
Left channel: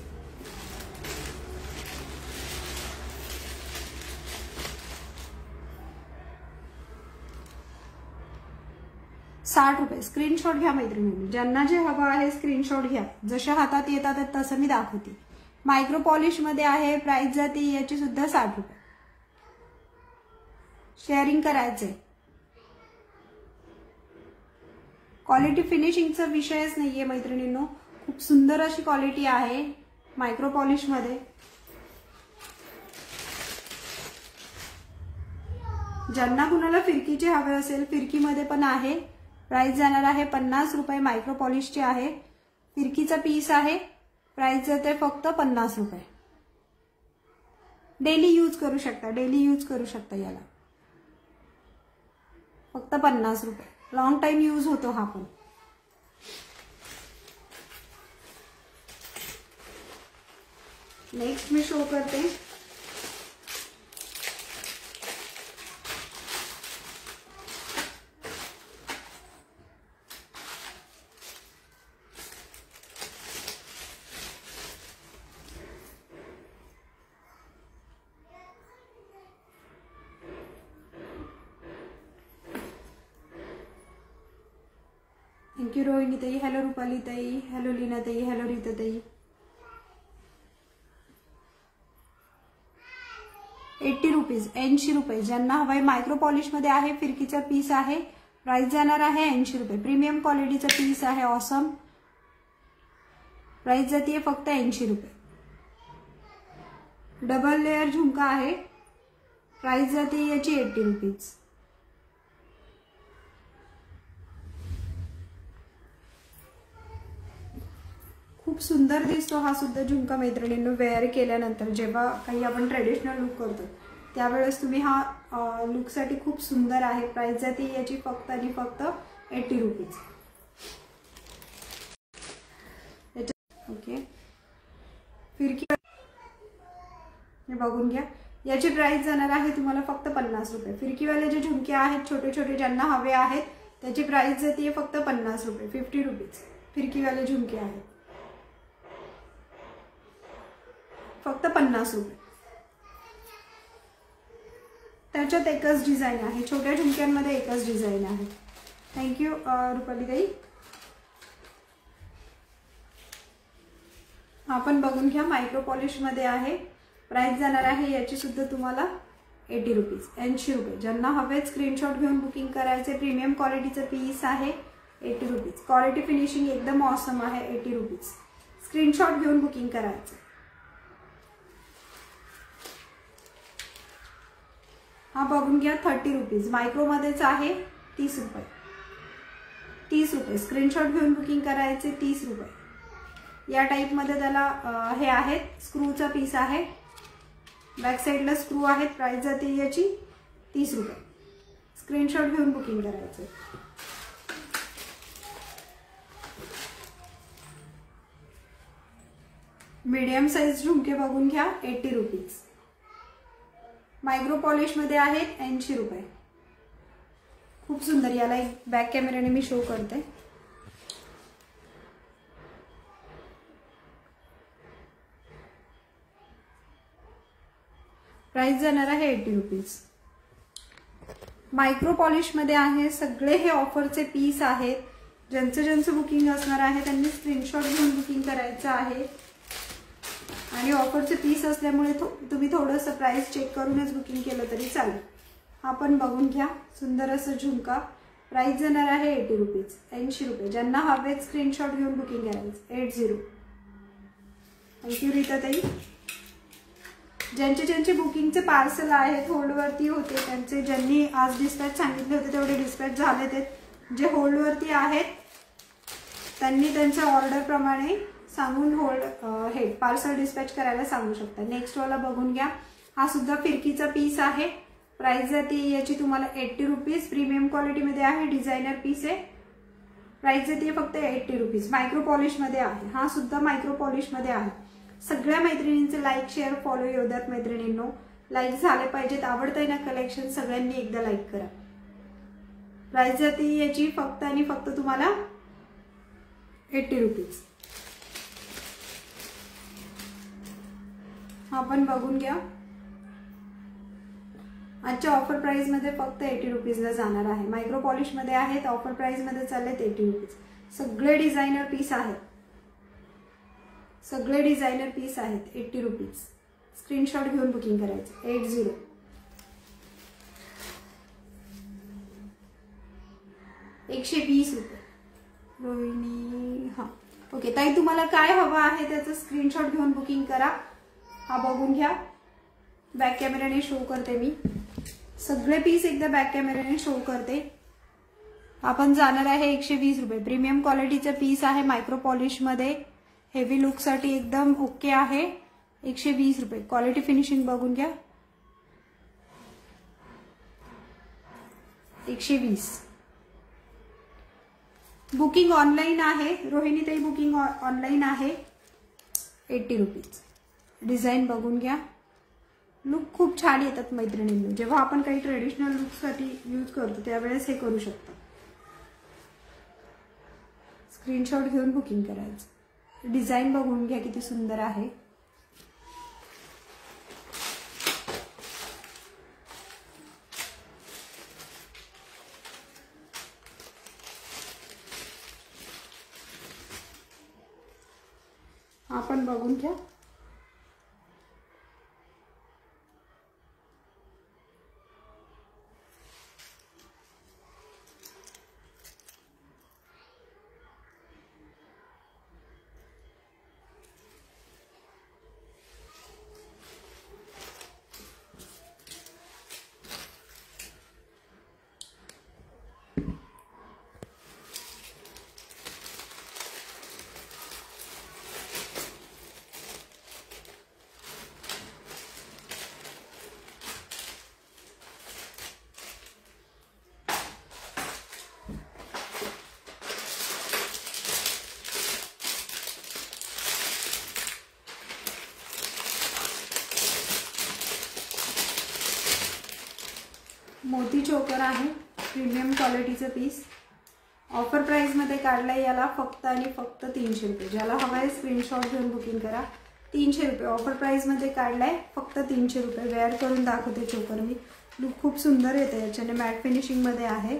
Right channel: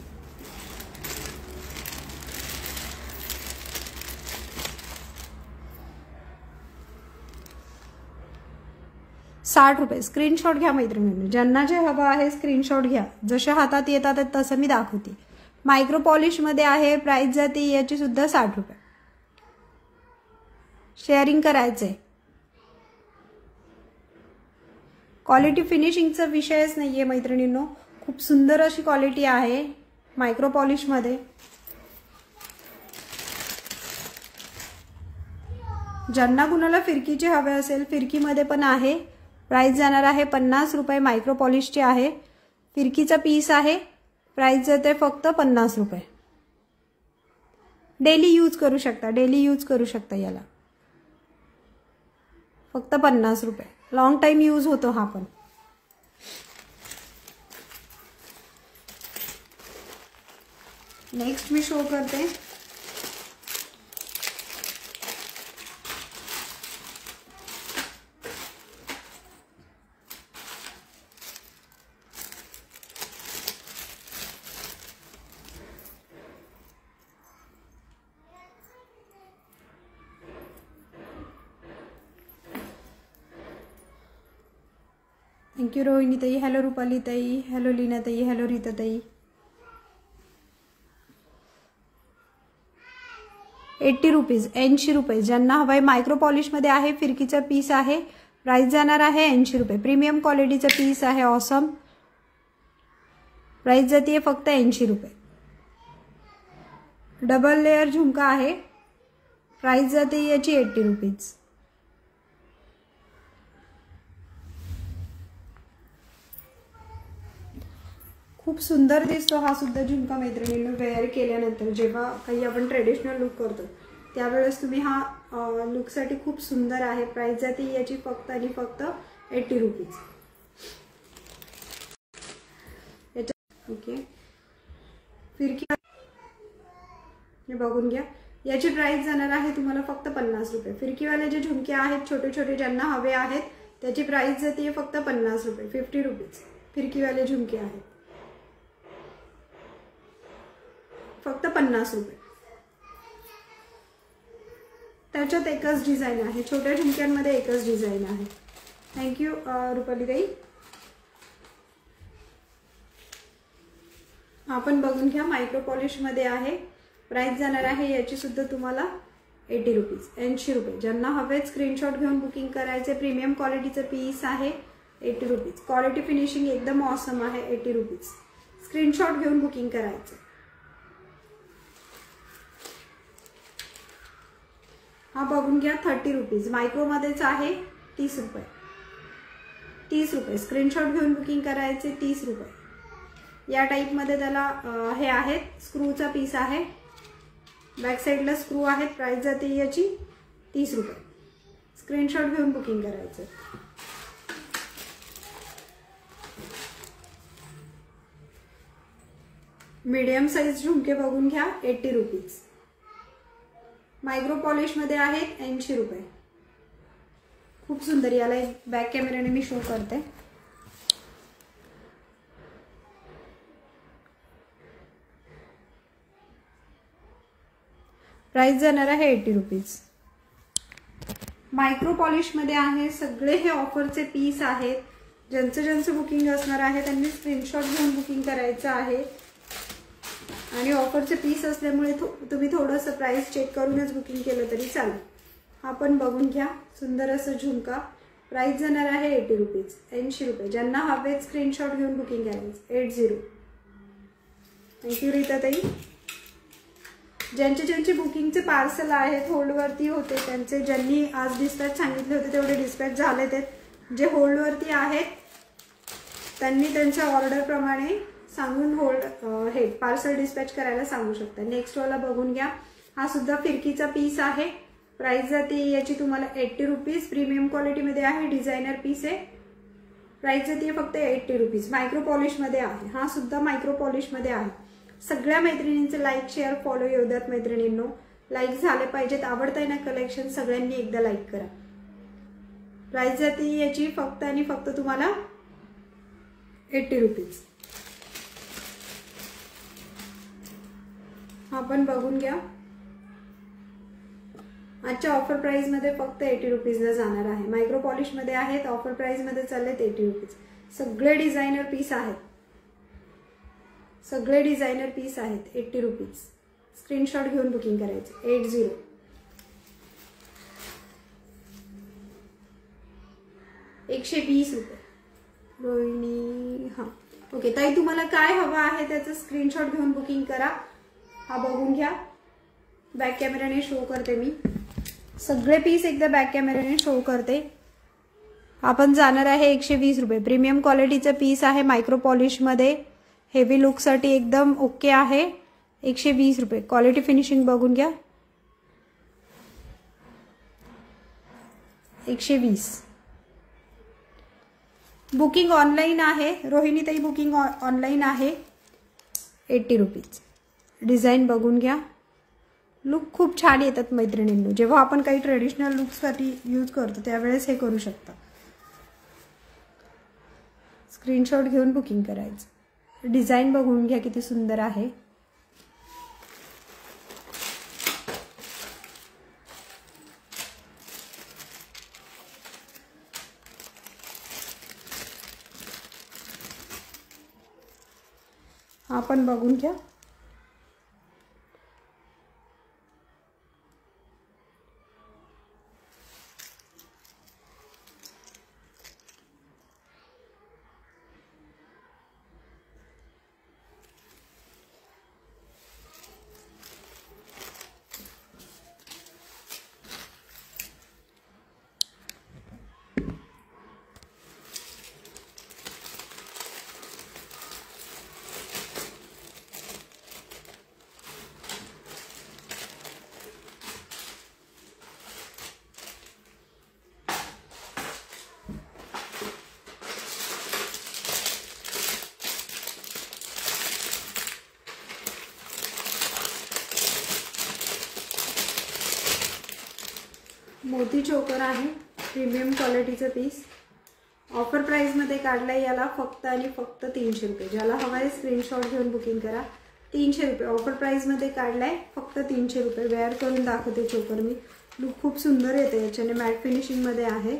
₹60. स्क्रीनशॉट घ्या मैत्रिणींनी. ज्यांना जे हवं आहे स्क्रीनशॉट घ्या. जसे हातात येतात तसं मी दाखवते. मायक्रो पॉलिश मध्ये आहे. प्राइस जाते याची सुद्धा 60 रुपये. शेअरिंग करायचंय. क्वालिटी फिनिशिंगचा विषयच नाहीये मैत्रिणींनो. खूप सुंदर अशी क्वालिटी आहे मायक्रो पॉलिश मध्ये. ज्यांना कुणाला फिरकीचे हवे असेल, फिरकीमध्ये पण आहे. प्राइस जाणार आहे 50 रुपये. मायक्रो पॉलिशचे आहे. फिरकीचा पीस आहे. प्राइस जाते फक्त 50 रुपये. डेली यूज करू शकता याला. फक्त 50 रुपये. लॉंग टाइम यूज होतो हा पण. नेक्स्ट मी शो करते. थँक्यू रोहिणीताई. हॅलो रुपालीताई. हॅलो लीनाताई. हॅलो रीताताई. 80 रुपीज. 80 रुपये. ज्यांना हवाय मायक्रो पॉलिश मध्ये आहे. फिरकीचा पीस आहे. प्राइस जाणार आहे 80 रुपये. प्रीमियम क्वालिटीचा पीस आहे. ऑसम. प्राइस जाते फक्त 80 रुपये. डबल लेयर झुमका आहे. प्राइस जाते याची 80 रुपीज. खूप सुंदर दिसतो हा सुद्धा झुमका मैत्रिणींनो. वेअर केल्यानंतर जेव्हा काही आपण ट्रेडिशनल लुक करतो त्यावेळेस तुम्ही हा लुकसाठी खूप सुंदर आहे. प्राइस जाते याची फक्त आणि फक्त 80 रुपीज. ओके. फिरकी हे बघून घ्या. याची प्राइस जाणार आहे तुम्हाला फक्त 50 रुपये. फिरकीवाले जे झुमके आहेत छोटे छोटे ज्यांना हवे आहेत त्याची प्राइस जाते फक्त 50 रुपये. 50 रुपीज. फिरकीवाले झुमके आहेत. फक्त 50 रुपये. त्याच्यात एकच डिझाईन आहे, छोट्या झुमक्यांमध्ये एकच डिझाईन आहे. थँक्यू रुपालीताई. आपण बघून घ्या, मायक्रो पॉलिश मध्ये आहे. प्राइस जाणार आहे याची सुद्धा तुम्हाला 80 रुपीज, 80 रुपये. ज्यांना हवे स्क्रीनशॉट घेऊन बुकिंग करायचे. प्रीमियम क्वालिटीचं पीस आहे, 80 रुपीज. क्वालिटी फिनिशिंग एकदम ऑसम आहे, 80 रुपीज. स्क्रीनशॉट घेऊन बुकिंग करायचं. हा बघून घ्या, 30 रुपीज. मायक्रो मध्येच आहे, 30 रुपये. 30 रुपये. स्क्रीनशॉट घेऊन बुकिंग करायचे, 30 रुपये. या टाइप मध्ये त्याला हे आहेत, स्क्रूचा पीस आहे. बॅक साइडला स्क्रू आहेत. प्राइस जाते याची 30 रुपये. स्क्रीनशॉट घेऊन बुकिंग करायचं. मीडियम साइज झुमके बघून घ्या, 80 रुपीज. मायक्रो पॉलिश मध्ये आहेत, 80 रुपये. खूप सुंदर. याला एक बॅक कॅमेराने मी शो करते. प्राइस जाणार आहे 80 रुपीज. मायक्रो पॉलिश मध्ये आहे. सगळे हे ऑफरचे पीस आहेत. ज्यांचं बुकिंग असणार आहे त्यांनी स्क्रीनशॉट घेऊन बुकिंग करायचं आहे. आणि ऑफरचे पीस असल्यामुळे तुम्ही थोडंसं प्राइस चेक करूनच बुकिंग केलं तरी चालेल. हा पण बघून घ्या, सुंदर असं झुमका. प्राइस जाणार आहे 80 रुपीज, 80 रुपये. ज्यांना हवे स्क्रीनशॉट घेऊन बुकिंग करायचं, 80. थँक्यू रीताताई. ज्यांचे बुकिंगचे पार्सल आहेत, होल्डवरती होते, त्यांचे ज्यांनी आज डिस्पॅच सांगितले होते तेवढे डिस्पॅच झाले. ते जे होल्डवरती आहेत त्यांनी त्यांच्या ऑर्डर प्रमाणे सांगून हे पार्सल डिस्पॅच करायला सांगू शकता. नेक्स्ट वाला बघून घ्या. हा सुद्धा फिरकीचा पीस आहे. प्राइस जाते याची तुम्हाला 80 रुपीज. प्रीमियम क्वालिटी मध्ये आहे, डिझायनर पीस आहे. प्राइस जाते फक्त 80 रुपीज. मायक्रो पॉलिश मध्ये आहे. हा सुद्धा मायक्रो पॉलिश मध्ये आहे. सगळ्या मैत्रिणींचे लाईक शेअर फॉलो येऊ द्यात मैत्रिणींनो. लाईक झाले पाहिजेत. आवडतंय ना कलेक्शन, सगळ्यांनी एकदा लाईक करा. प्राइस जाते याची फक्त आणि फक्त तुम्हाला 80 रुपीज. हा पण बघून घ्या. आजच्या ऑफर प्राइस मध्ये फक्त 80 रुपीजला जाणार आहे. मायक्रो पॉलिश मध्ये आहेत. ऑफर प्राइस मध्ये चाललेत 80 रुपीज. सगळे डिझायनर पीस आहेत. सगळे डिझायनर पीस आहेत, 80 रुपीज. स्क्रीनशॉट घेऊन बुकिंग करायचे, 80. ₹120. रोहिणी. हा ओके ताई, तुम्हाला काय हवं आहे त्याचं स्क्रीनशॉट घेऊन बुकिंग करा. हा बघून घ्या. बॅक कॅमेराने शो करते मी. सगळे पीस एकदा बॅक कॅमेराने शो करते. आपण जाणार आहे 120 रुपये. प्रीमियम क्वालिटीचं पीस आहे, मायक्रो पॉलिश मध्ये. हेवी लुक साठी एकदम ओके आहे. 120 रुपये. क्वालिटी फिनिशिंग बघून घ्या. 120. बुकिंग ऑनलाईन आहे. रोहिणीताई बुकिंग ऑनलाईन आहे. 80 रुपीज. डिझाईन बघून घ्या. लुक खूप छान येतात मैत्रिणींनो. जेव्हा आपण काही ट्रेडिशनल लुकसाठी यूज करतो त्यावेळेस हे करू शकता. स्क्रीनशॉट घेऊन बुकिंग करायचं. डिझाईन बघून घ्या किती सुंदर आहे. आपण बघून घ्या. मोती चोकर आहे. प्रीमियम क्वालिटीचं पीस. ऑफर प्राइस मध्ये काढलाय याला फक्त आणि फक्त 300 रुपये. ज्याला हवाय स्क्रीनशॉट घेऊन बुकिंग करा. 300 रुपये ऑफर प्राइस मध्ये काढलाय, फक्त 300 रुपये. वेअर करून दाखवते चोकर मी. लुक खूप सुंदर येते याच्याने, मॅट फिनिशिंग मध्ये आहे.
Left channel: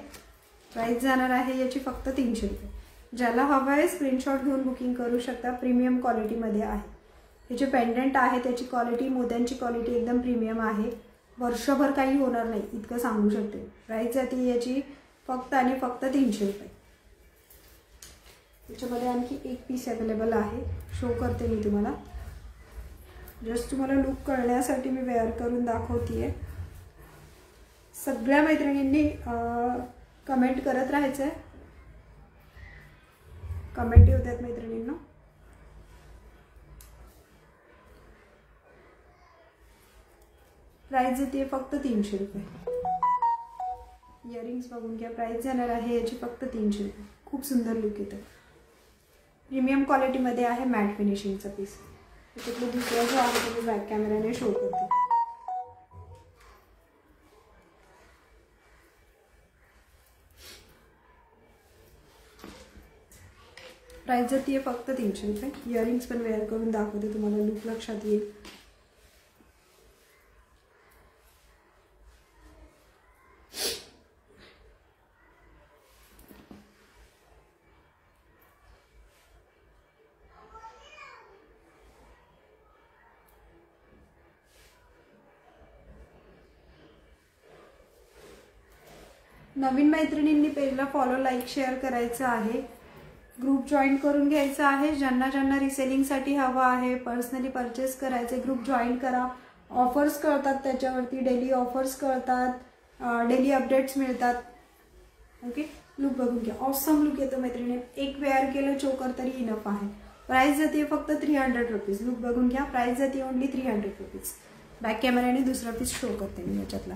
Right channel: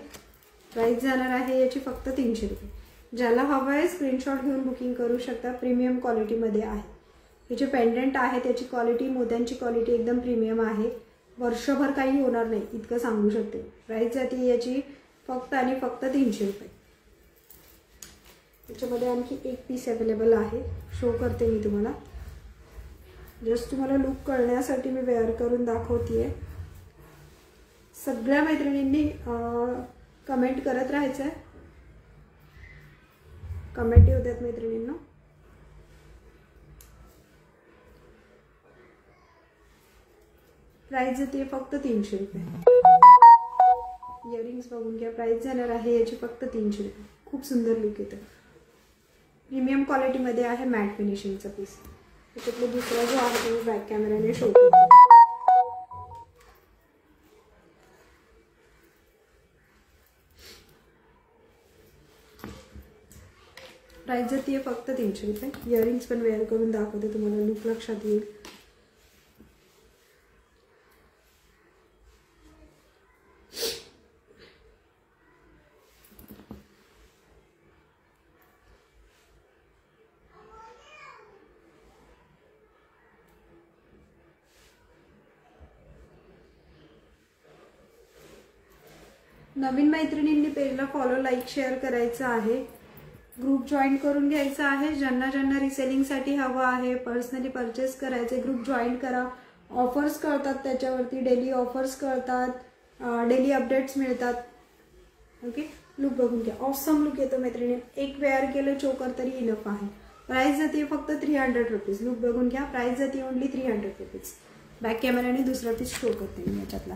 प्राइस जाणार आहे याची फक्त 300 रुपये. ज्याला हवं आहे स्क्रीनशॉट घेऊन बुकिंग करू शकता. प्रीमियम क्वालिटी मध्ये आहे. हे जे पेंडंट आहे त्याची क्वालिटी, मोत्यांची क्वालिटी एकदम प्रीमियम आहे. वर्षभर काही होणार नाही इतकं सांगू शकते. प्राइस जाते याची फक्त आणि फक्त 300 रुपये. याच्यामध्ये आणखी एक पीस अवेलेबल आहे, शो करते मी तुम्हाला. जस्ट तुम्हाला लुक कळण्यासाठी मी वेअर करून दाखवतेय. सगळ्या मैत्रिणींनी कमेंट करत राहायचंय. कमेंट येऊ द्यात मैत्रिणींना. प्राइस जाते फक्त 300 रुपये. इयरिंग्स बघून घ्या. प्राइस जाणार आहे याची फक्त 300 रुपये. खूप सुंदर लुक येतं. प्रीमियम क्वालिटी मध्ये आहे, मॅट फिनिशिंगचा पीस. त्याच्यातला दुसरा जो आहे तो मी बॅक कॅमेराने शो करते. प्राइस जाते फक्त 300 रुपये. इयरिंग्स पण वेअर करून दाखवते तुम्हाला, लुक लक्षात येईल. नवीन मैत्रिणींनी पेजला फॉलो, लाईक, शेअर करायचं आहे. ग्रुप जॉईन करून घ्यायचा आहे. ज्यांना ज्यांना रिसेलिंगसाठी हवं आहे, पर्सनली परचेस करायचे, ग्रुप जॉईन करा. ऑफर्स कळतात त्याच्यावरती, डेली ऑफर्स कळतात, डेली अपडेट्स मिळतात. ओके, लुक बघून घ्या. ऑसम लुक येतो मैत्रिणी. एक वेअर केलं चोकर तरी इनफ आहे. प्राइस जाते फक्त 300 रुपीज. लुक बघून घ्या. प्राइस जाते ओनली 300 रुपीज. बॅक कॅमेराने दुसरा पीस शो करते मी याच्यातला.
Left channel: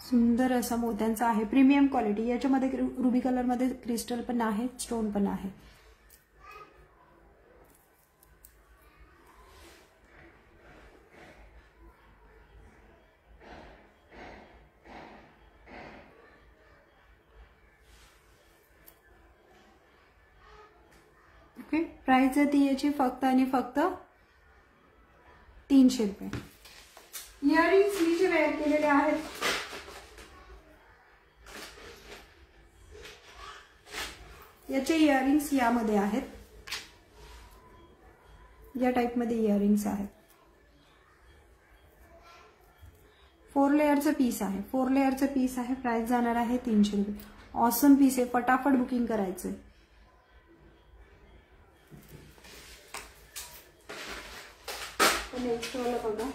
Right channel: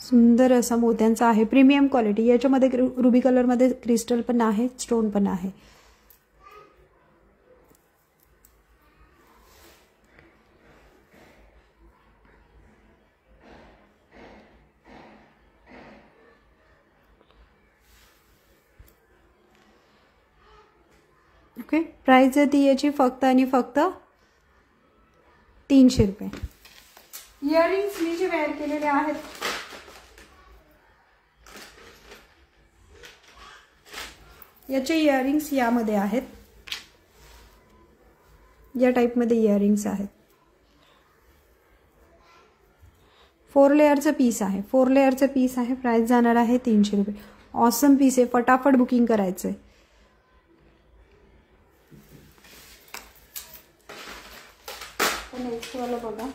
सुंदर असा मोत्यांचा आहे, प्रीमियम क्वालिटी. याच्यामध्ये रुबी कलर मध्ये क्रिस्टल पण आहे, स्टोन पण आहे. ओके, प्राइस जाते याची फक्त आणि फक्त 300 रुपये. इयरिंग्स मी जे वेअर केलेले आहेत याचे इयरिंग्स यामध्ये आहेत. या टाइप मध्ये इयरिंग्स आहेत. 4 लेअरचा पीस आहे. 4 लेअरचा पीस आहे. प्राइस जाणार आहे 300 रुपये. ऑसम पीस आहे. फटाफट बुकिंग करायचंय. नेक्स्ट वाला बघा,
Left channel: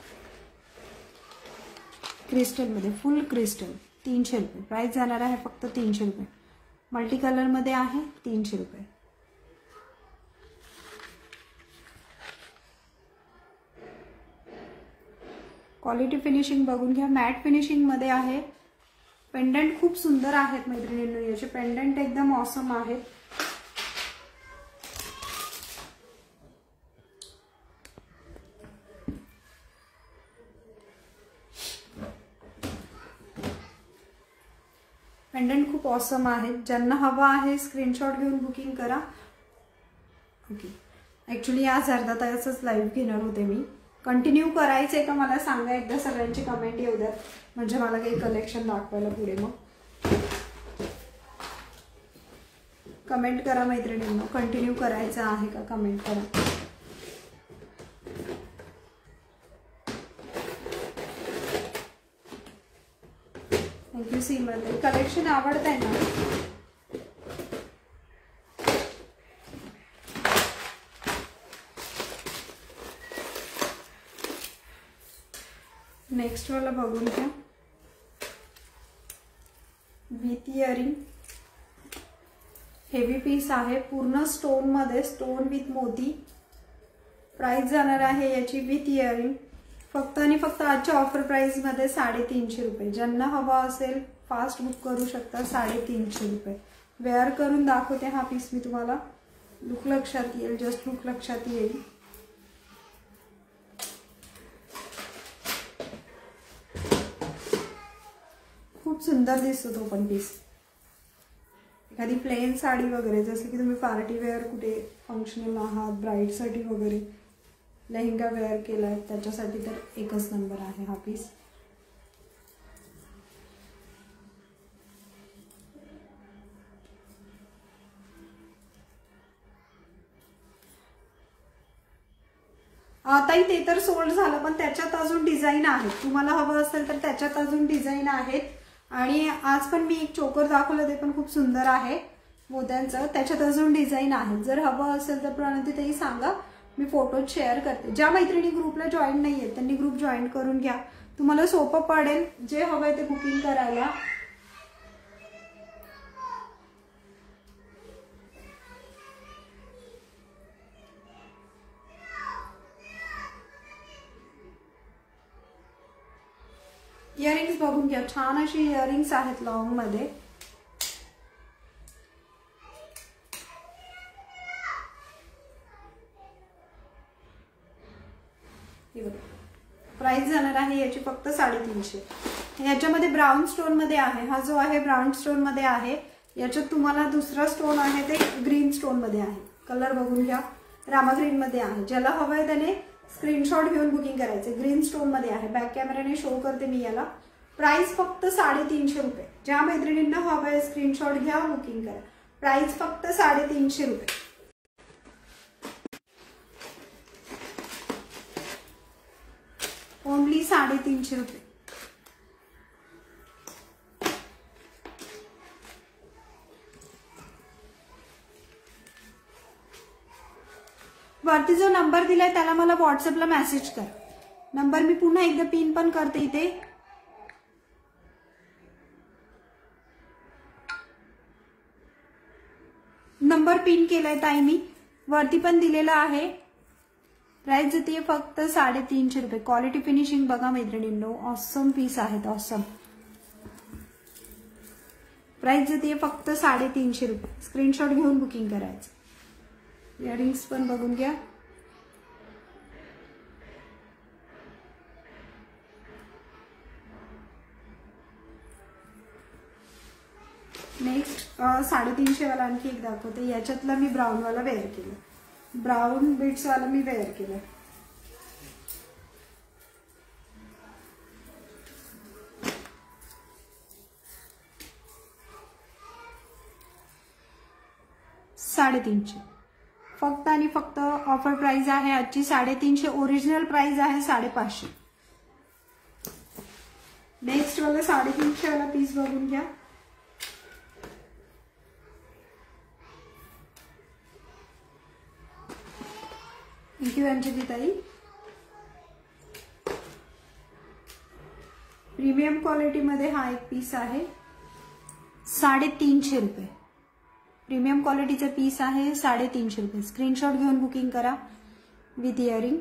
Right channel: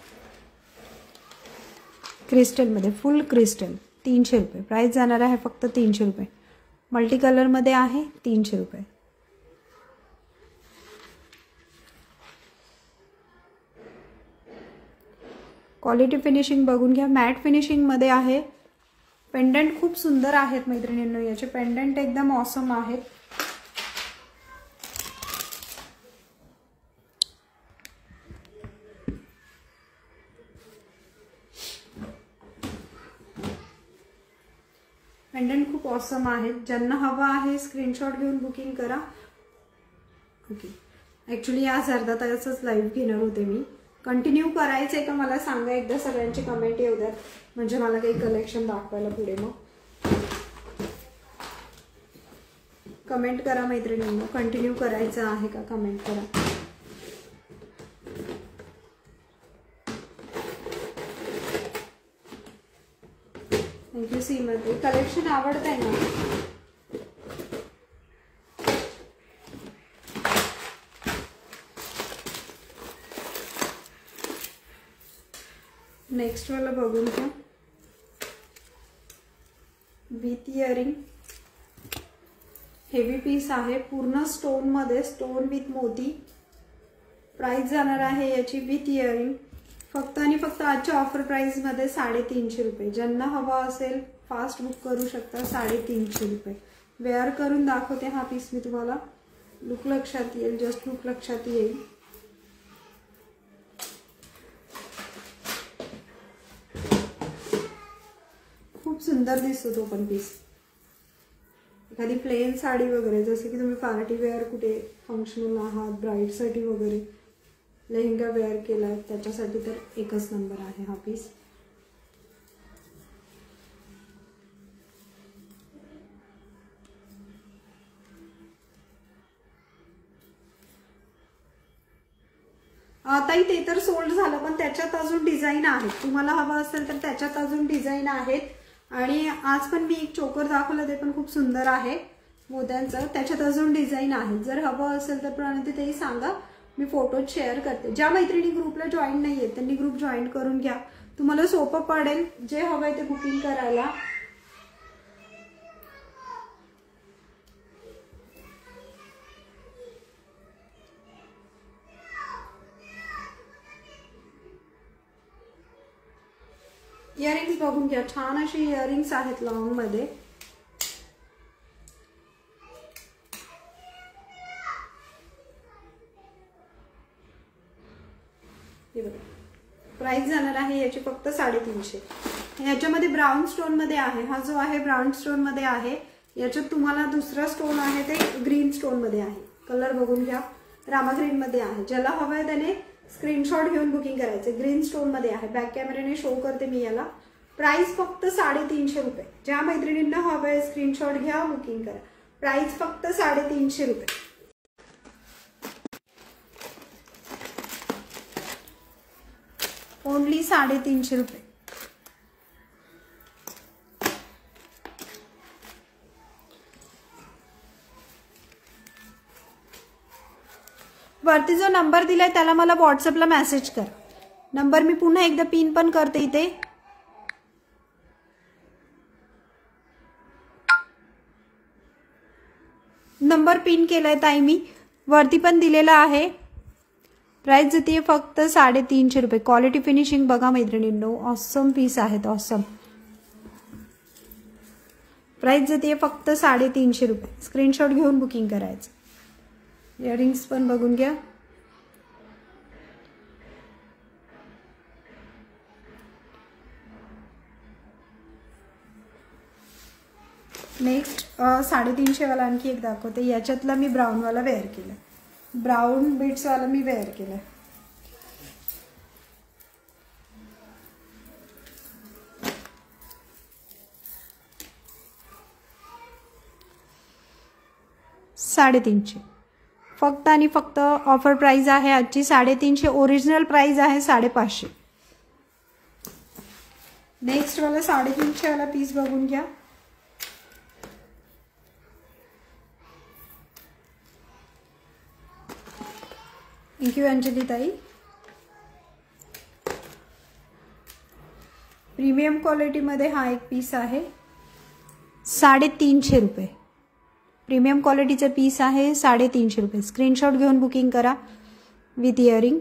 क्रिस्टल मध्ये, फुल क्रिस्टल, 300 रुपये. प्राइस जाणार आहे फक्त 300 रुपये. मल्टी कलर मध्ये आहे, 300 रुपये. क्वालिटी फिनिशिंग बघून घ्या. मॅट फिनिशिंग मध्ये आहे. पेंडंट खूप सुंदर आहेत मैत्रिणींनो. याचे पेंडंट एकदम ऑसम आहेत. पेंडंट खूप ऑसम आहे. ज्यांना हवा आहे स्क्रीनशॉट घेऊन बुकिंग करा. ओके, ऍक्च्युली आज अर्धा तासच लाईव्ह घेणार होते मी. कंटिन्यू करायचंय का मला सांगा एकदा. सगळ्यांची कमेंट येऊ द्यात, म्हणजे मला काही कलेक्शन दाखवायला पुढे. मग कमेंट करा मैत्रिणींनो. कंटिन्यू करायचं आहे का, कमेंट करा. थँक्यू सीमध्ये. कलेक्शन आवडतंय ना. नेक्स्ट वाला बघून घ्या. विथ इयरिंग, हेवी पीस आहे. पूर्ण स्टोन मध्ये, स्टोन विथ मोती. प्राइस जाणार आहे याची विथ इयरिंग फक्त आणि फक्त आजच्या ऑफर प्राइस मध्ये 350 रुपये. ज्यांना हवा असेल फास्ट बुक करू शकता. 350 रुपये. वेअर करून दाखवते हा पीस मी तुम्हाला. लुक लक्षात येईल, जस्ट लुक लक्षात येईल. खूप सुंदर दिसतो तो पण पीस. एखादी प्लेन साडी वगैरे, जसे की तुम्ही पार्टी वेअर कुठे फंक्शनल आहात, ब्राईडसाठी वगैरे लेहंगा वेअर केलाय त्याच्यासाठी तर एकच नंबर आहे हा पीस. ताई ते तर सोल्ड झालं, पण त्याच्यात अजून डिझाईन आहेत. तुम्हाला हवं असेल तर त्याच्यात अजून डिझाईन आहेत. आणि आज पण मी एक चोकर दाखवलं, ते पण खूप सुंदर आहे मोत्यांचं. त्याच्यात अजून डिझाईन आहे. जर हवं असेल तर प्रणती ताई सांगा, मी फोटो शेअर करते. ज्या मैत्रिणी ग्रुपला जॉईन नाहीये त्यांनी ग्रुप जॉईन करून घ्या, तुम्हाला सोपं पडेल जे हवंय ते बुकिंग करायला. इयरिंग्स बघून घ्या, छान अशी इयरिंग्स आहेत लॉंग मध्ये. प्राइस जाणार आहे याची फक्त 350. याच्यामध्ये ब्राऊन स्टोन मध्ये आहे. हा जो आहे ब्राऊन स्टोन मध्ये आहे. याच्यात तुम्हाला दुसरा स्टोन आहे ते ग्रीन स्टोन मध्ये आहे. कलर बघून घ्या, रामा ग्रीन मध्ये आहे. ज्याला हवंय त्याने स्क्रीनशॉट घेऊन बुकिंग करायचे. ग्रीन स्टोन मध्ये आहे. बॅक कॅमेराने शो करते मी याला. प्राइस फक्त 350 रुपये. ज्या मैत्रिणींना हवंय स्क्रीनशॉट घ्या, बुकिंग करा. प्राइस फक्त 350 रुपये. ओनली 350 रुपये. वरती जो नंबर दिलाय त्याला मला व्हॉट्सअपला मेसेज कर. नंबर मी पुन्हा एकदा पिन पण करते इथे. नंबर पिन केलाय ताई मी, वरती पण दिलेला आहे. प्राइस जाते फक्त 350 रुपये. क्वालिटी फिनिशिंग बघा मैत्रिणींनो, ऑसम पीस आहेत, ऑसम. प्राइस जाते फक्त 350 रुपये. स्क्रीनशॉट घेऊन बुकिंग करायचं. इयरिंग्स पण बघून घ्या. नेक्स्ट 350 वाला आणखी एक दाखवते. याच्यातला मी ब्राऊन वाला वेअर केलं, ब्राऊन बीट्स वाला मी वेअर केलं. $350 फक्त आणि फक्त. ऑफर प्राइस आहे आजची 350. ओरिजिनल प्राइस आहे 550. नेक्स्ट वाला 350 वाला पीस बघून घ्या. थँक्यू अंजली ताई. प्रीमियम क्वालिटी मध्ये हा एक पीस आहे. 350 रुपये. प्रीमियम क्वालिटीचा पीस आहे. 350 रुपये. स्क्रीनशॉट घेऊन बुकिंग करा विथ इयरिंग.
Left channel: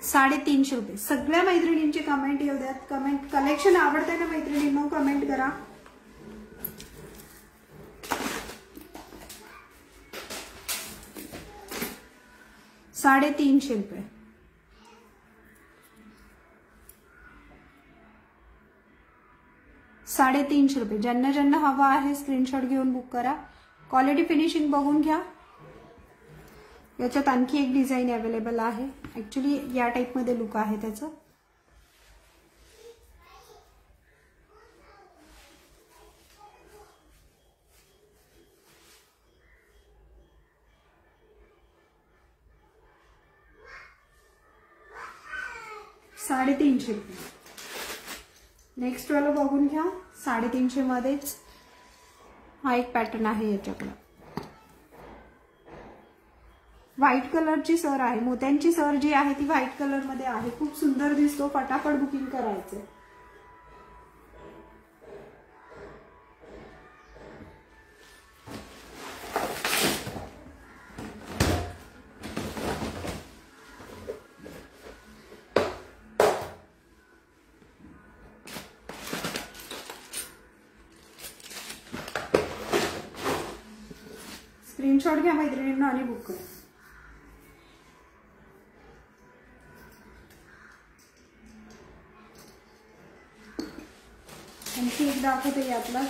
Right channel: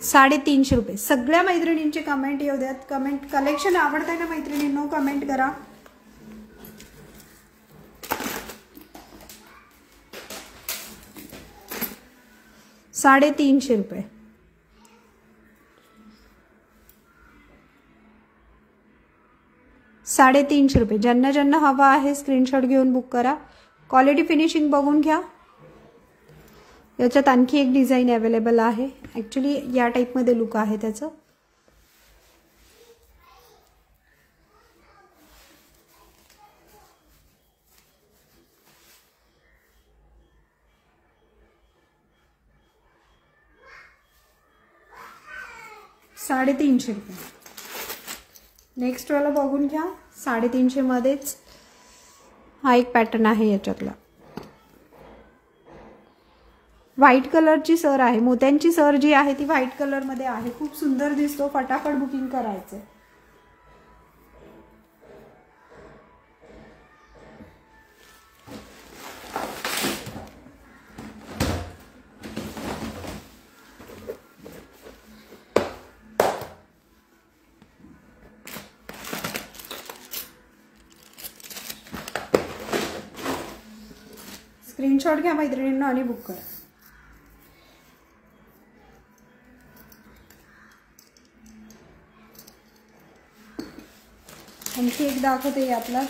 350 रुपये. सगळ्या मैत्रिणींचे कमेंट येऊ द्यात. कमेंट कलेक्शन आवडतंय ना मैत्रिणींनो, कमेंट करा. $350 रुपये. $350 रुपये. ज्यांना ज्यांना हवा आहे स्क्रीनशॉट घेऊन बुक करा. क्वालिटी फिनिशिंग बघून घ्या. याच्यात आणखी एक डिझाईन अवेलेबल आहे. ऍक्च्युली या टाइप मध्ये लुक आहे त्याचं. $350 रुपये. नेक्स्ट वाला बघून घ्या. 350 मध्येच हा एक पॅटर्न आहे. याच्यातला व्हाईट कलरची सर आहे. मोत्यांची सर जी आहे ती व्हाईट कलर मध्ये आहे. खूप सुंदर दिसतो. फटाफट बुकिंग करायचं. स्क्रीनशॉट घ्या मैत्रिणींना आणि बुक करा. आणखी एक दाखवते यातला.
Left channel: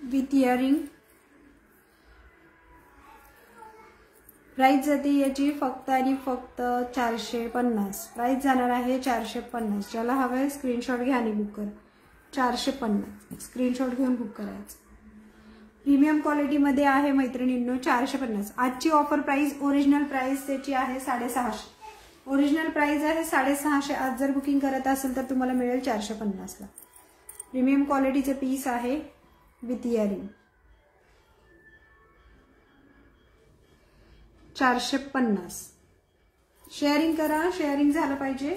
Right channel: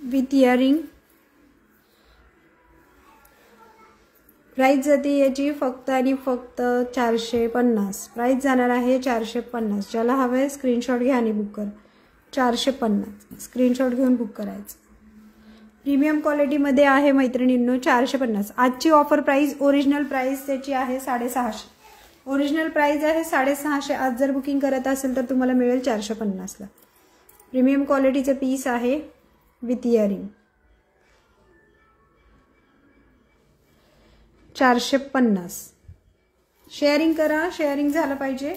With earring. प्राइस जाते याची फक्त आणि फक्त 450. प्राइस जाणार आहे 450. ज्याला हवं आहे स्क्रीनशॉट घ्या आणि बुक करा. 450 स्क्रीनशॉट घेऊन बुक करायचं. प्रीमियम क्वालिटीमध्ये आहे मैत्रिणींनो 450. आजची ऑफर प्राइस ओरिजिनल प्राइस त्याची आहे 650. ओरिजिनल प्राइस आहे 650. आज जर बुकिंग करत असेल तर तुम्हाला मिळेल 450ला. प्रीमियम क्वालिटीचं पीस आहे विथ इयरिंग. 450. शेअरिंग करा, शेअरिंग झालं पाहिजे.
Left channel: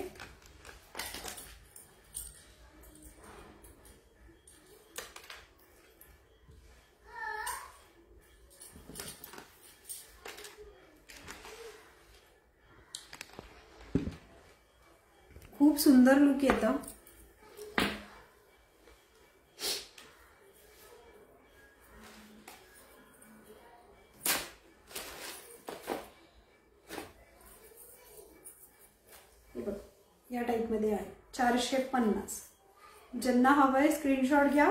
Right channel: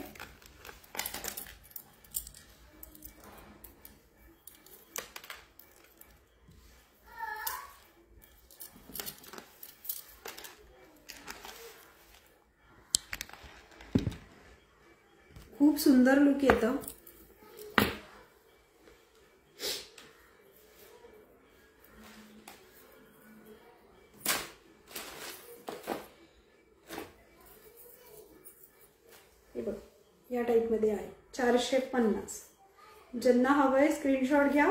खूप सुंदर लुक येतं. या टाइप मध्ये आहे 450. ज्यांना हवंय स्क्रीनशॉट घ्या,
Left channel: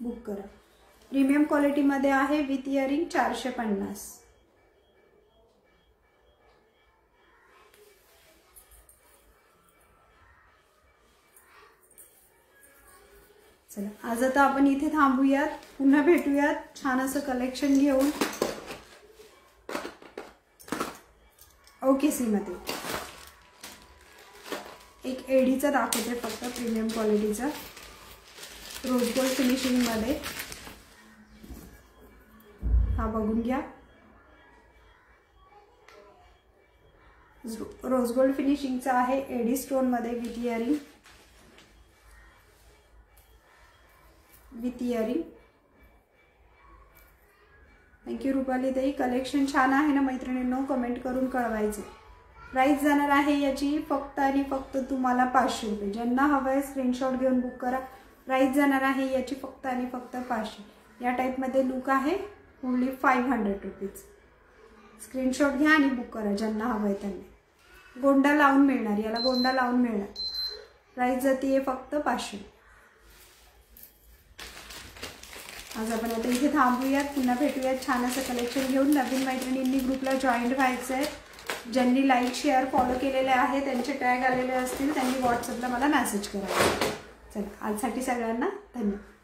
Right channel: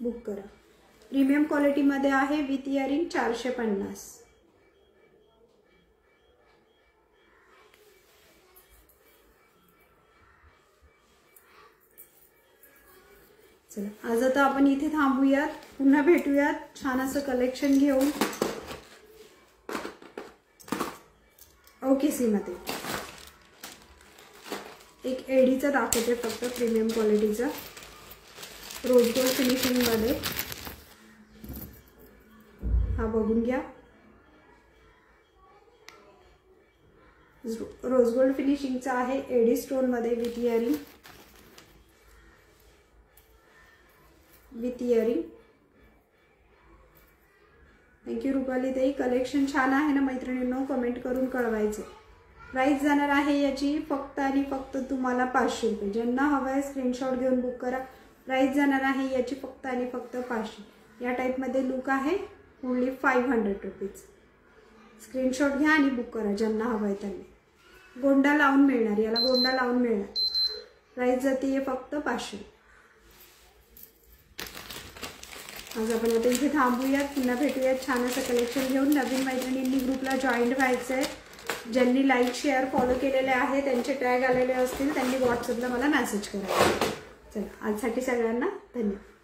बुक करा. प्रीमियम क्वालिटी मध्ये आहे विथ इयरिंग 450. चला आज आता आपण इथे थांबूयात. पुन्हा भेटूयात छान असं कलेक्शन घेऊन. ओके सीमाते. एक एडीचा दाखवते फक्त प्रीमियम क्वालिटीचा रोज गोल्ड फिनिशिंग मध्ये. हा बघून घ्या. रोज गोल्ड फिनिशिंगचा आहे एडी स्टोन मध्ये with earring. With earring. Thank you Rupali ताई. कलेक्शन छान आहे ना मैत्रिणींनो, कमेंट करून कळवायचे. प्राइस जाणार आहे याची फक्त आणि फक्त तुम्हाला 500 रुपये. ज्यांना हवं आहे स्क्रीनशॉट घेऊन बुक करा. प्राइस जाणार आहे याची फक्त आणि फक्त 500. या टाइपमध्ये लुक आहे ओनली 500 रुपीज. स्क्रीनशॉट घ्या आणि बुक करा ज्यांना हवं आहे त्यांनी. गोंडा लावून मिळणार, याला गोंडा लावून मिळणार. प्राइस जाते फक्त 500. आज आपण आता इथे थांबूयात. पुन्हा भेटूयात छान असं कलेक्शन घेऊन. नवीन मैत्रिणींनी ग्रुपला जॉईन व्हायचं आहे. ज्यांनी लाईक शेअर फॉलो केलेले आहे त्यांचे टॅग आलेले असतील त्यांनी व्हॉट्सअपला मला मेसेज करा. चला आजसाठी सगळ्यांना धन्यवाद.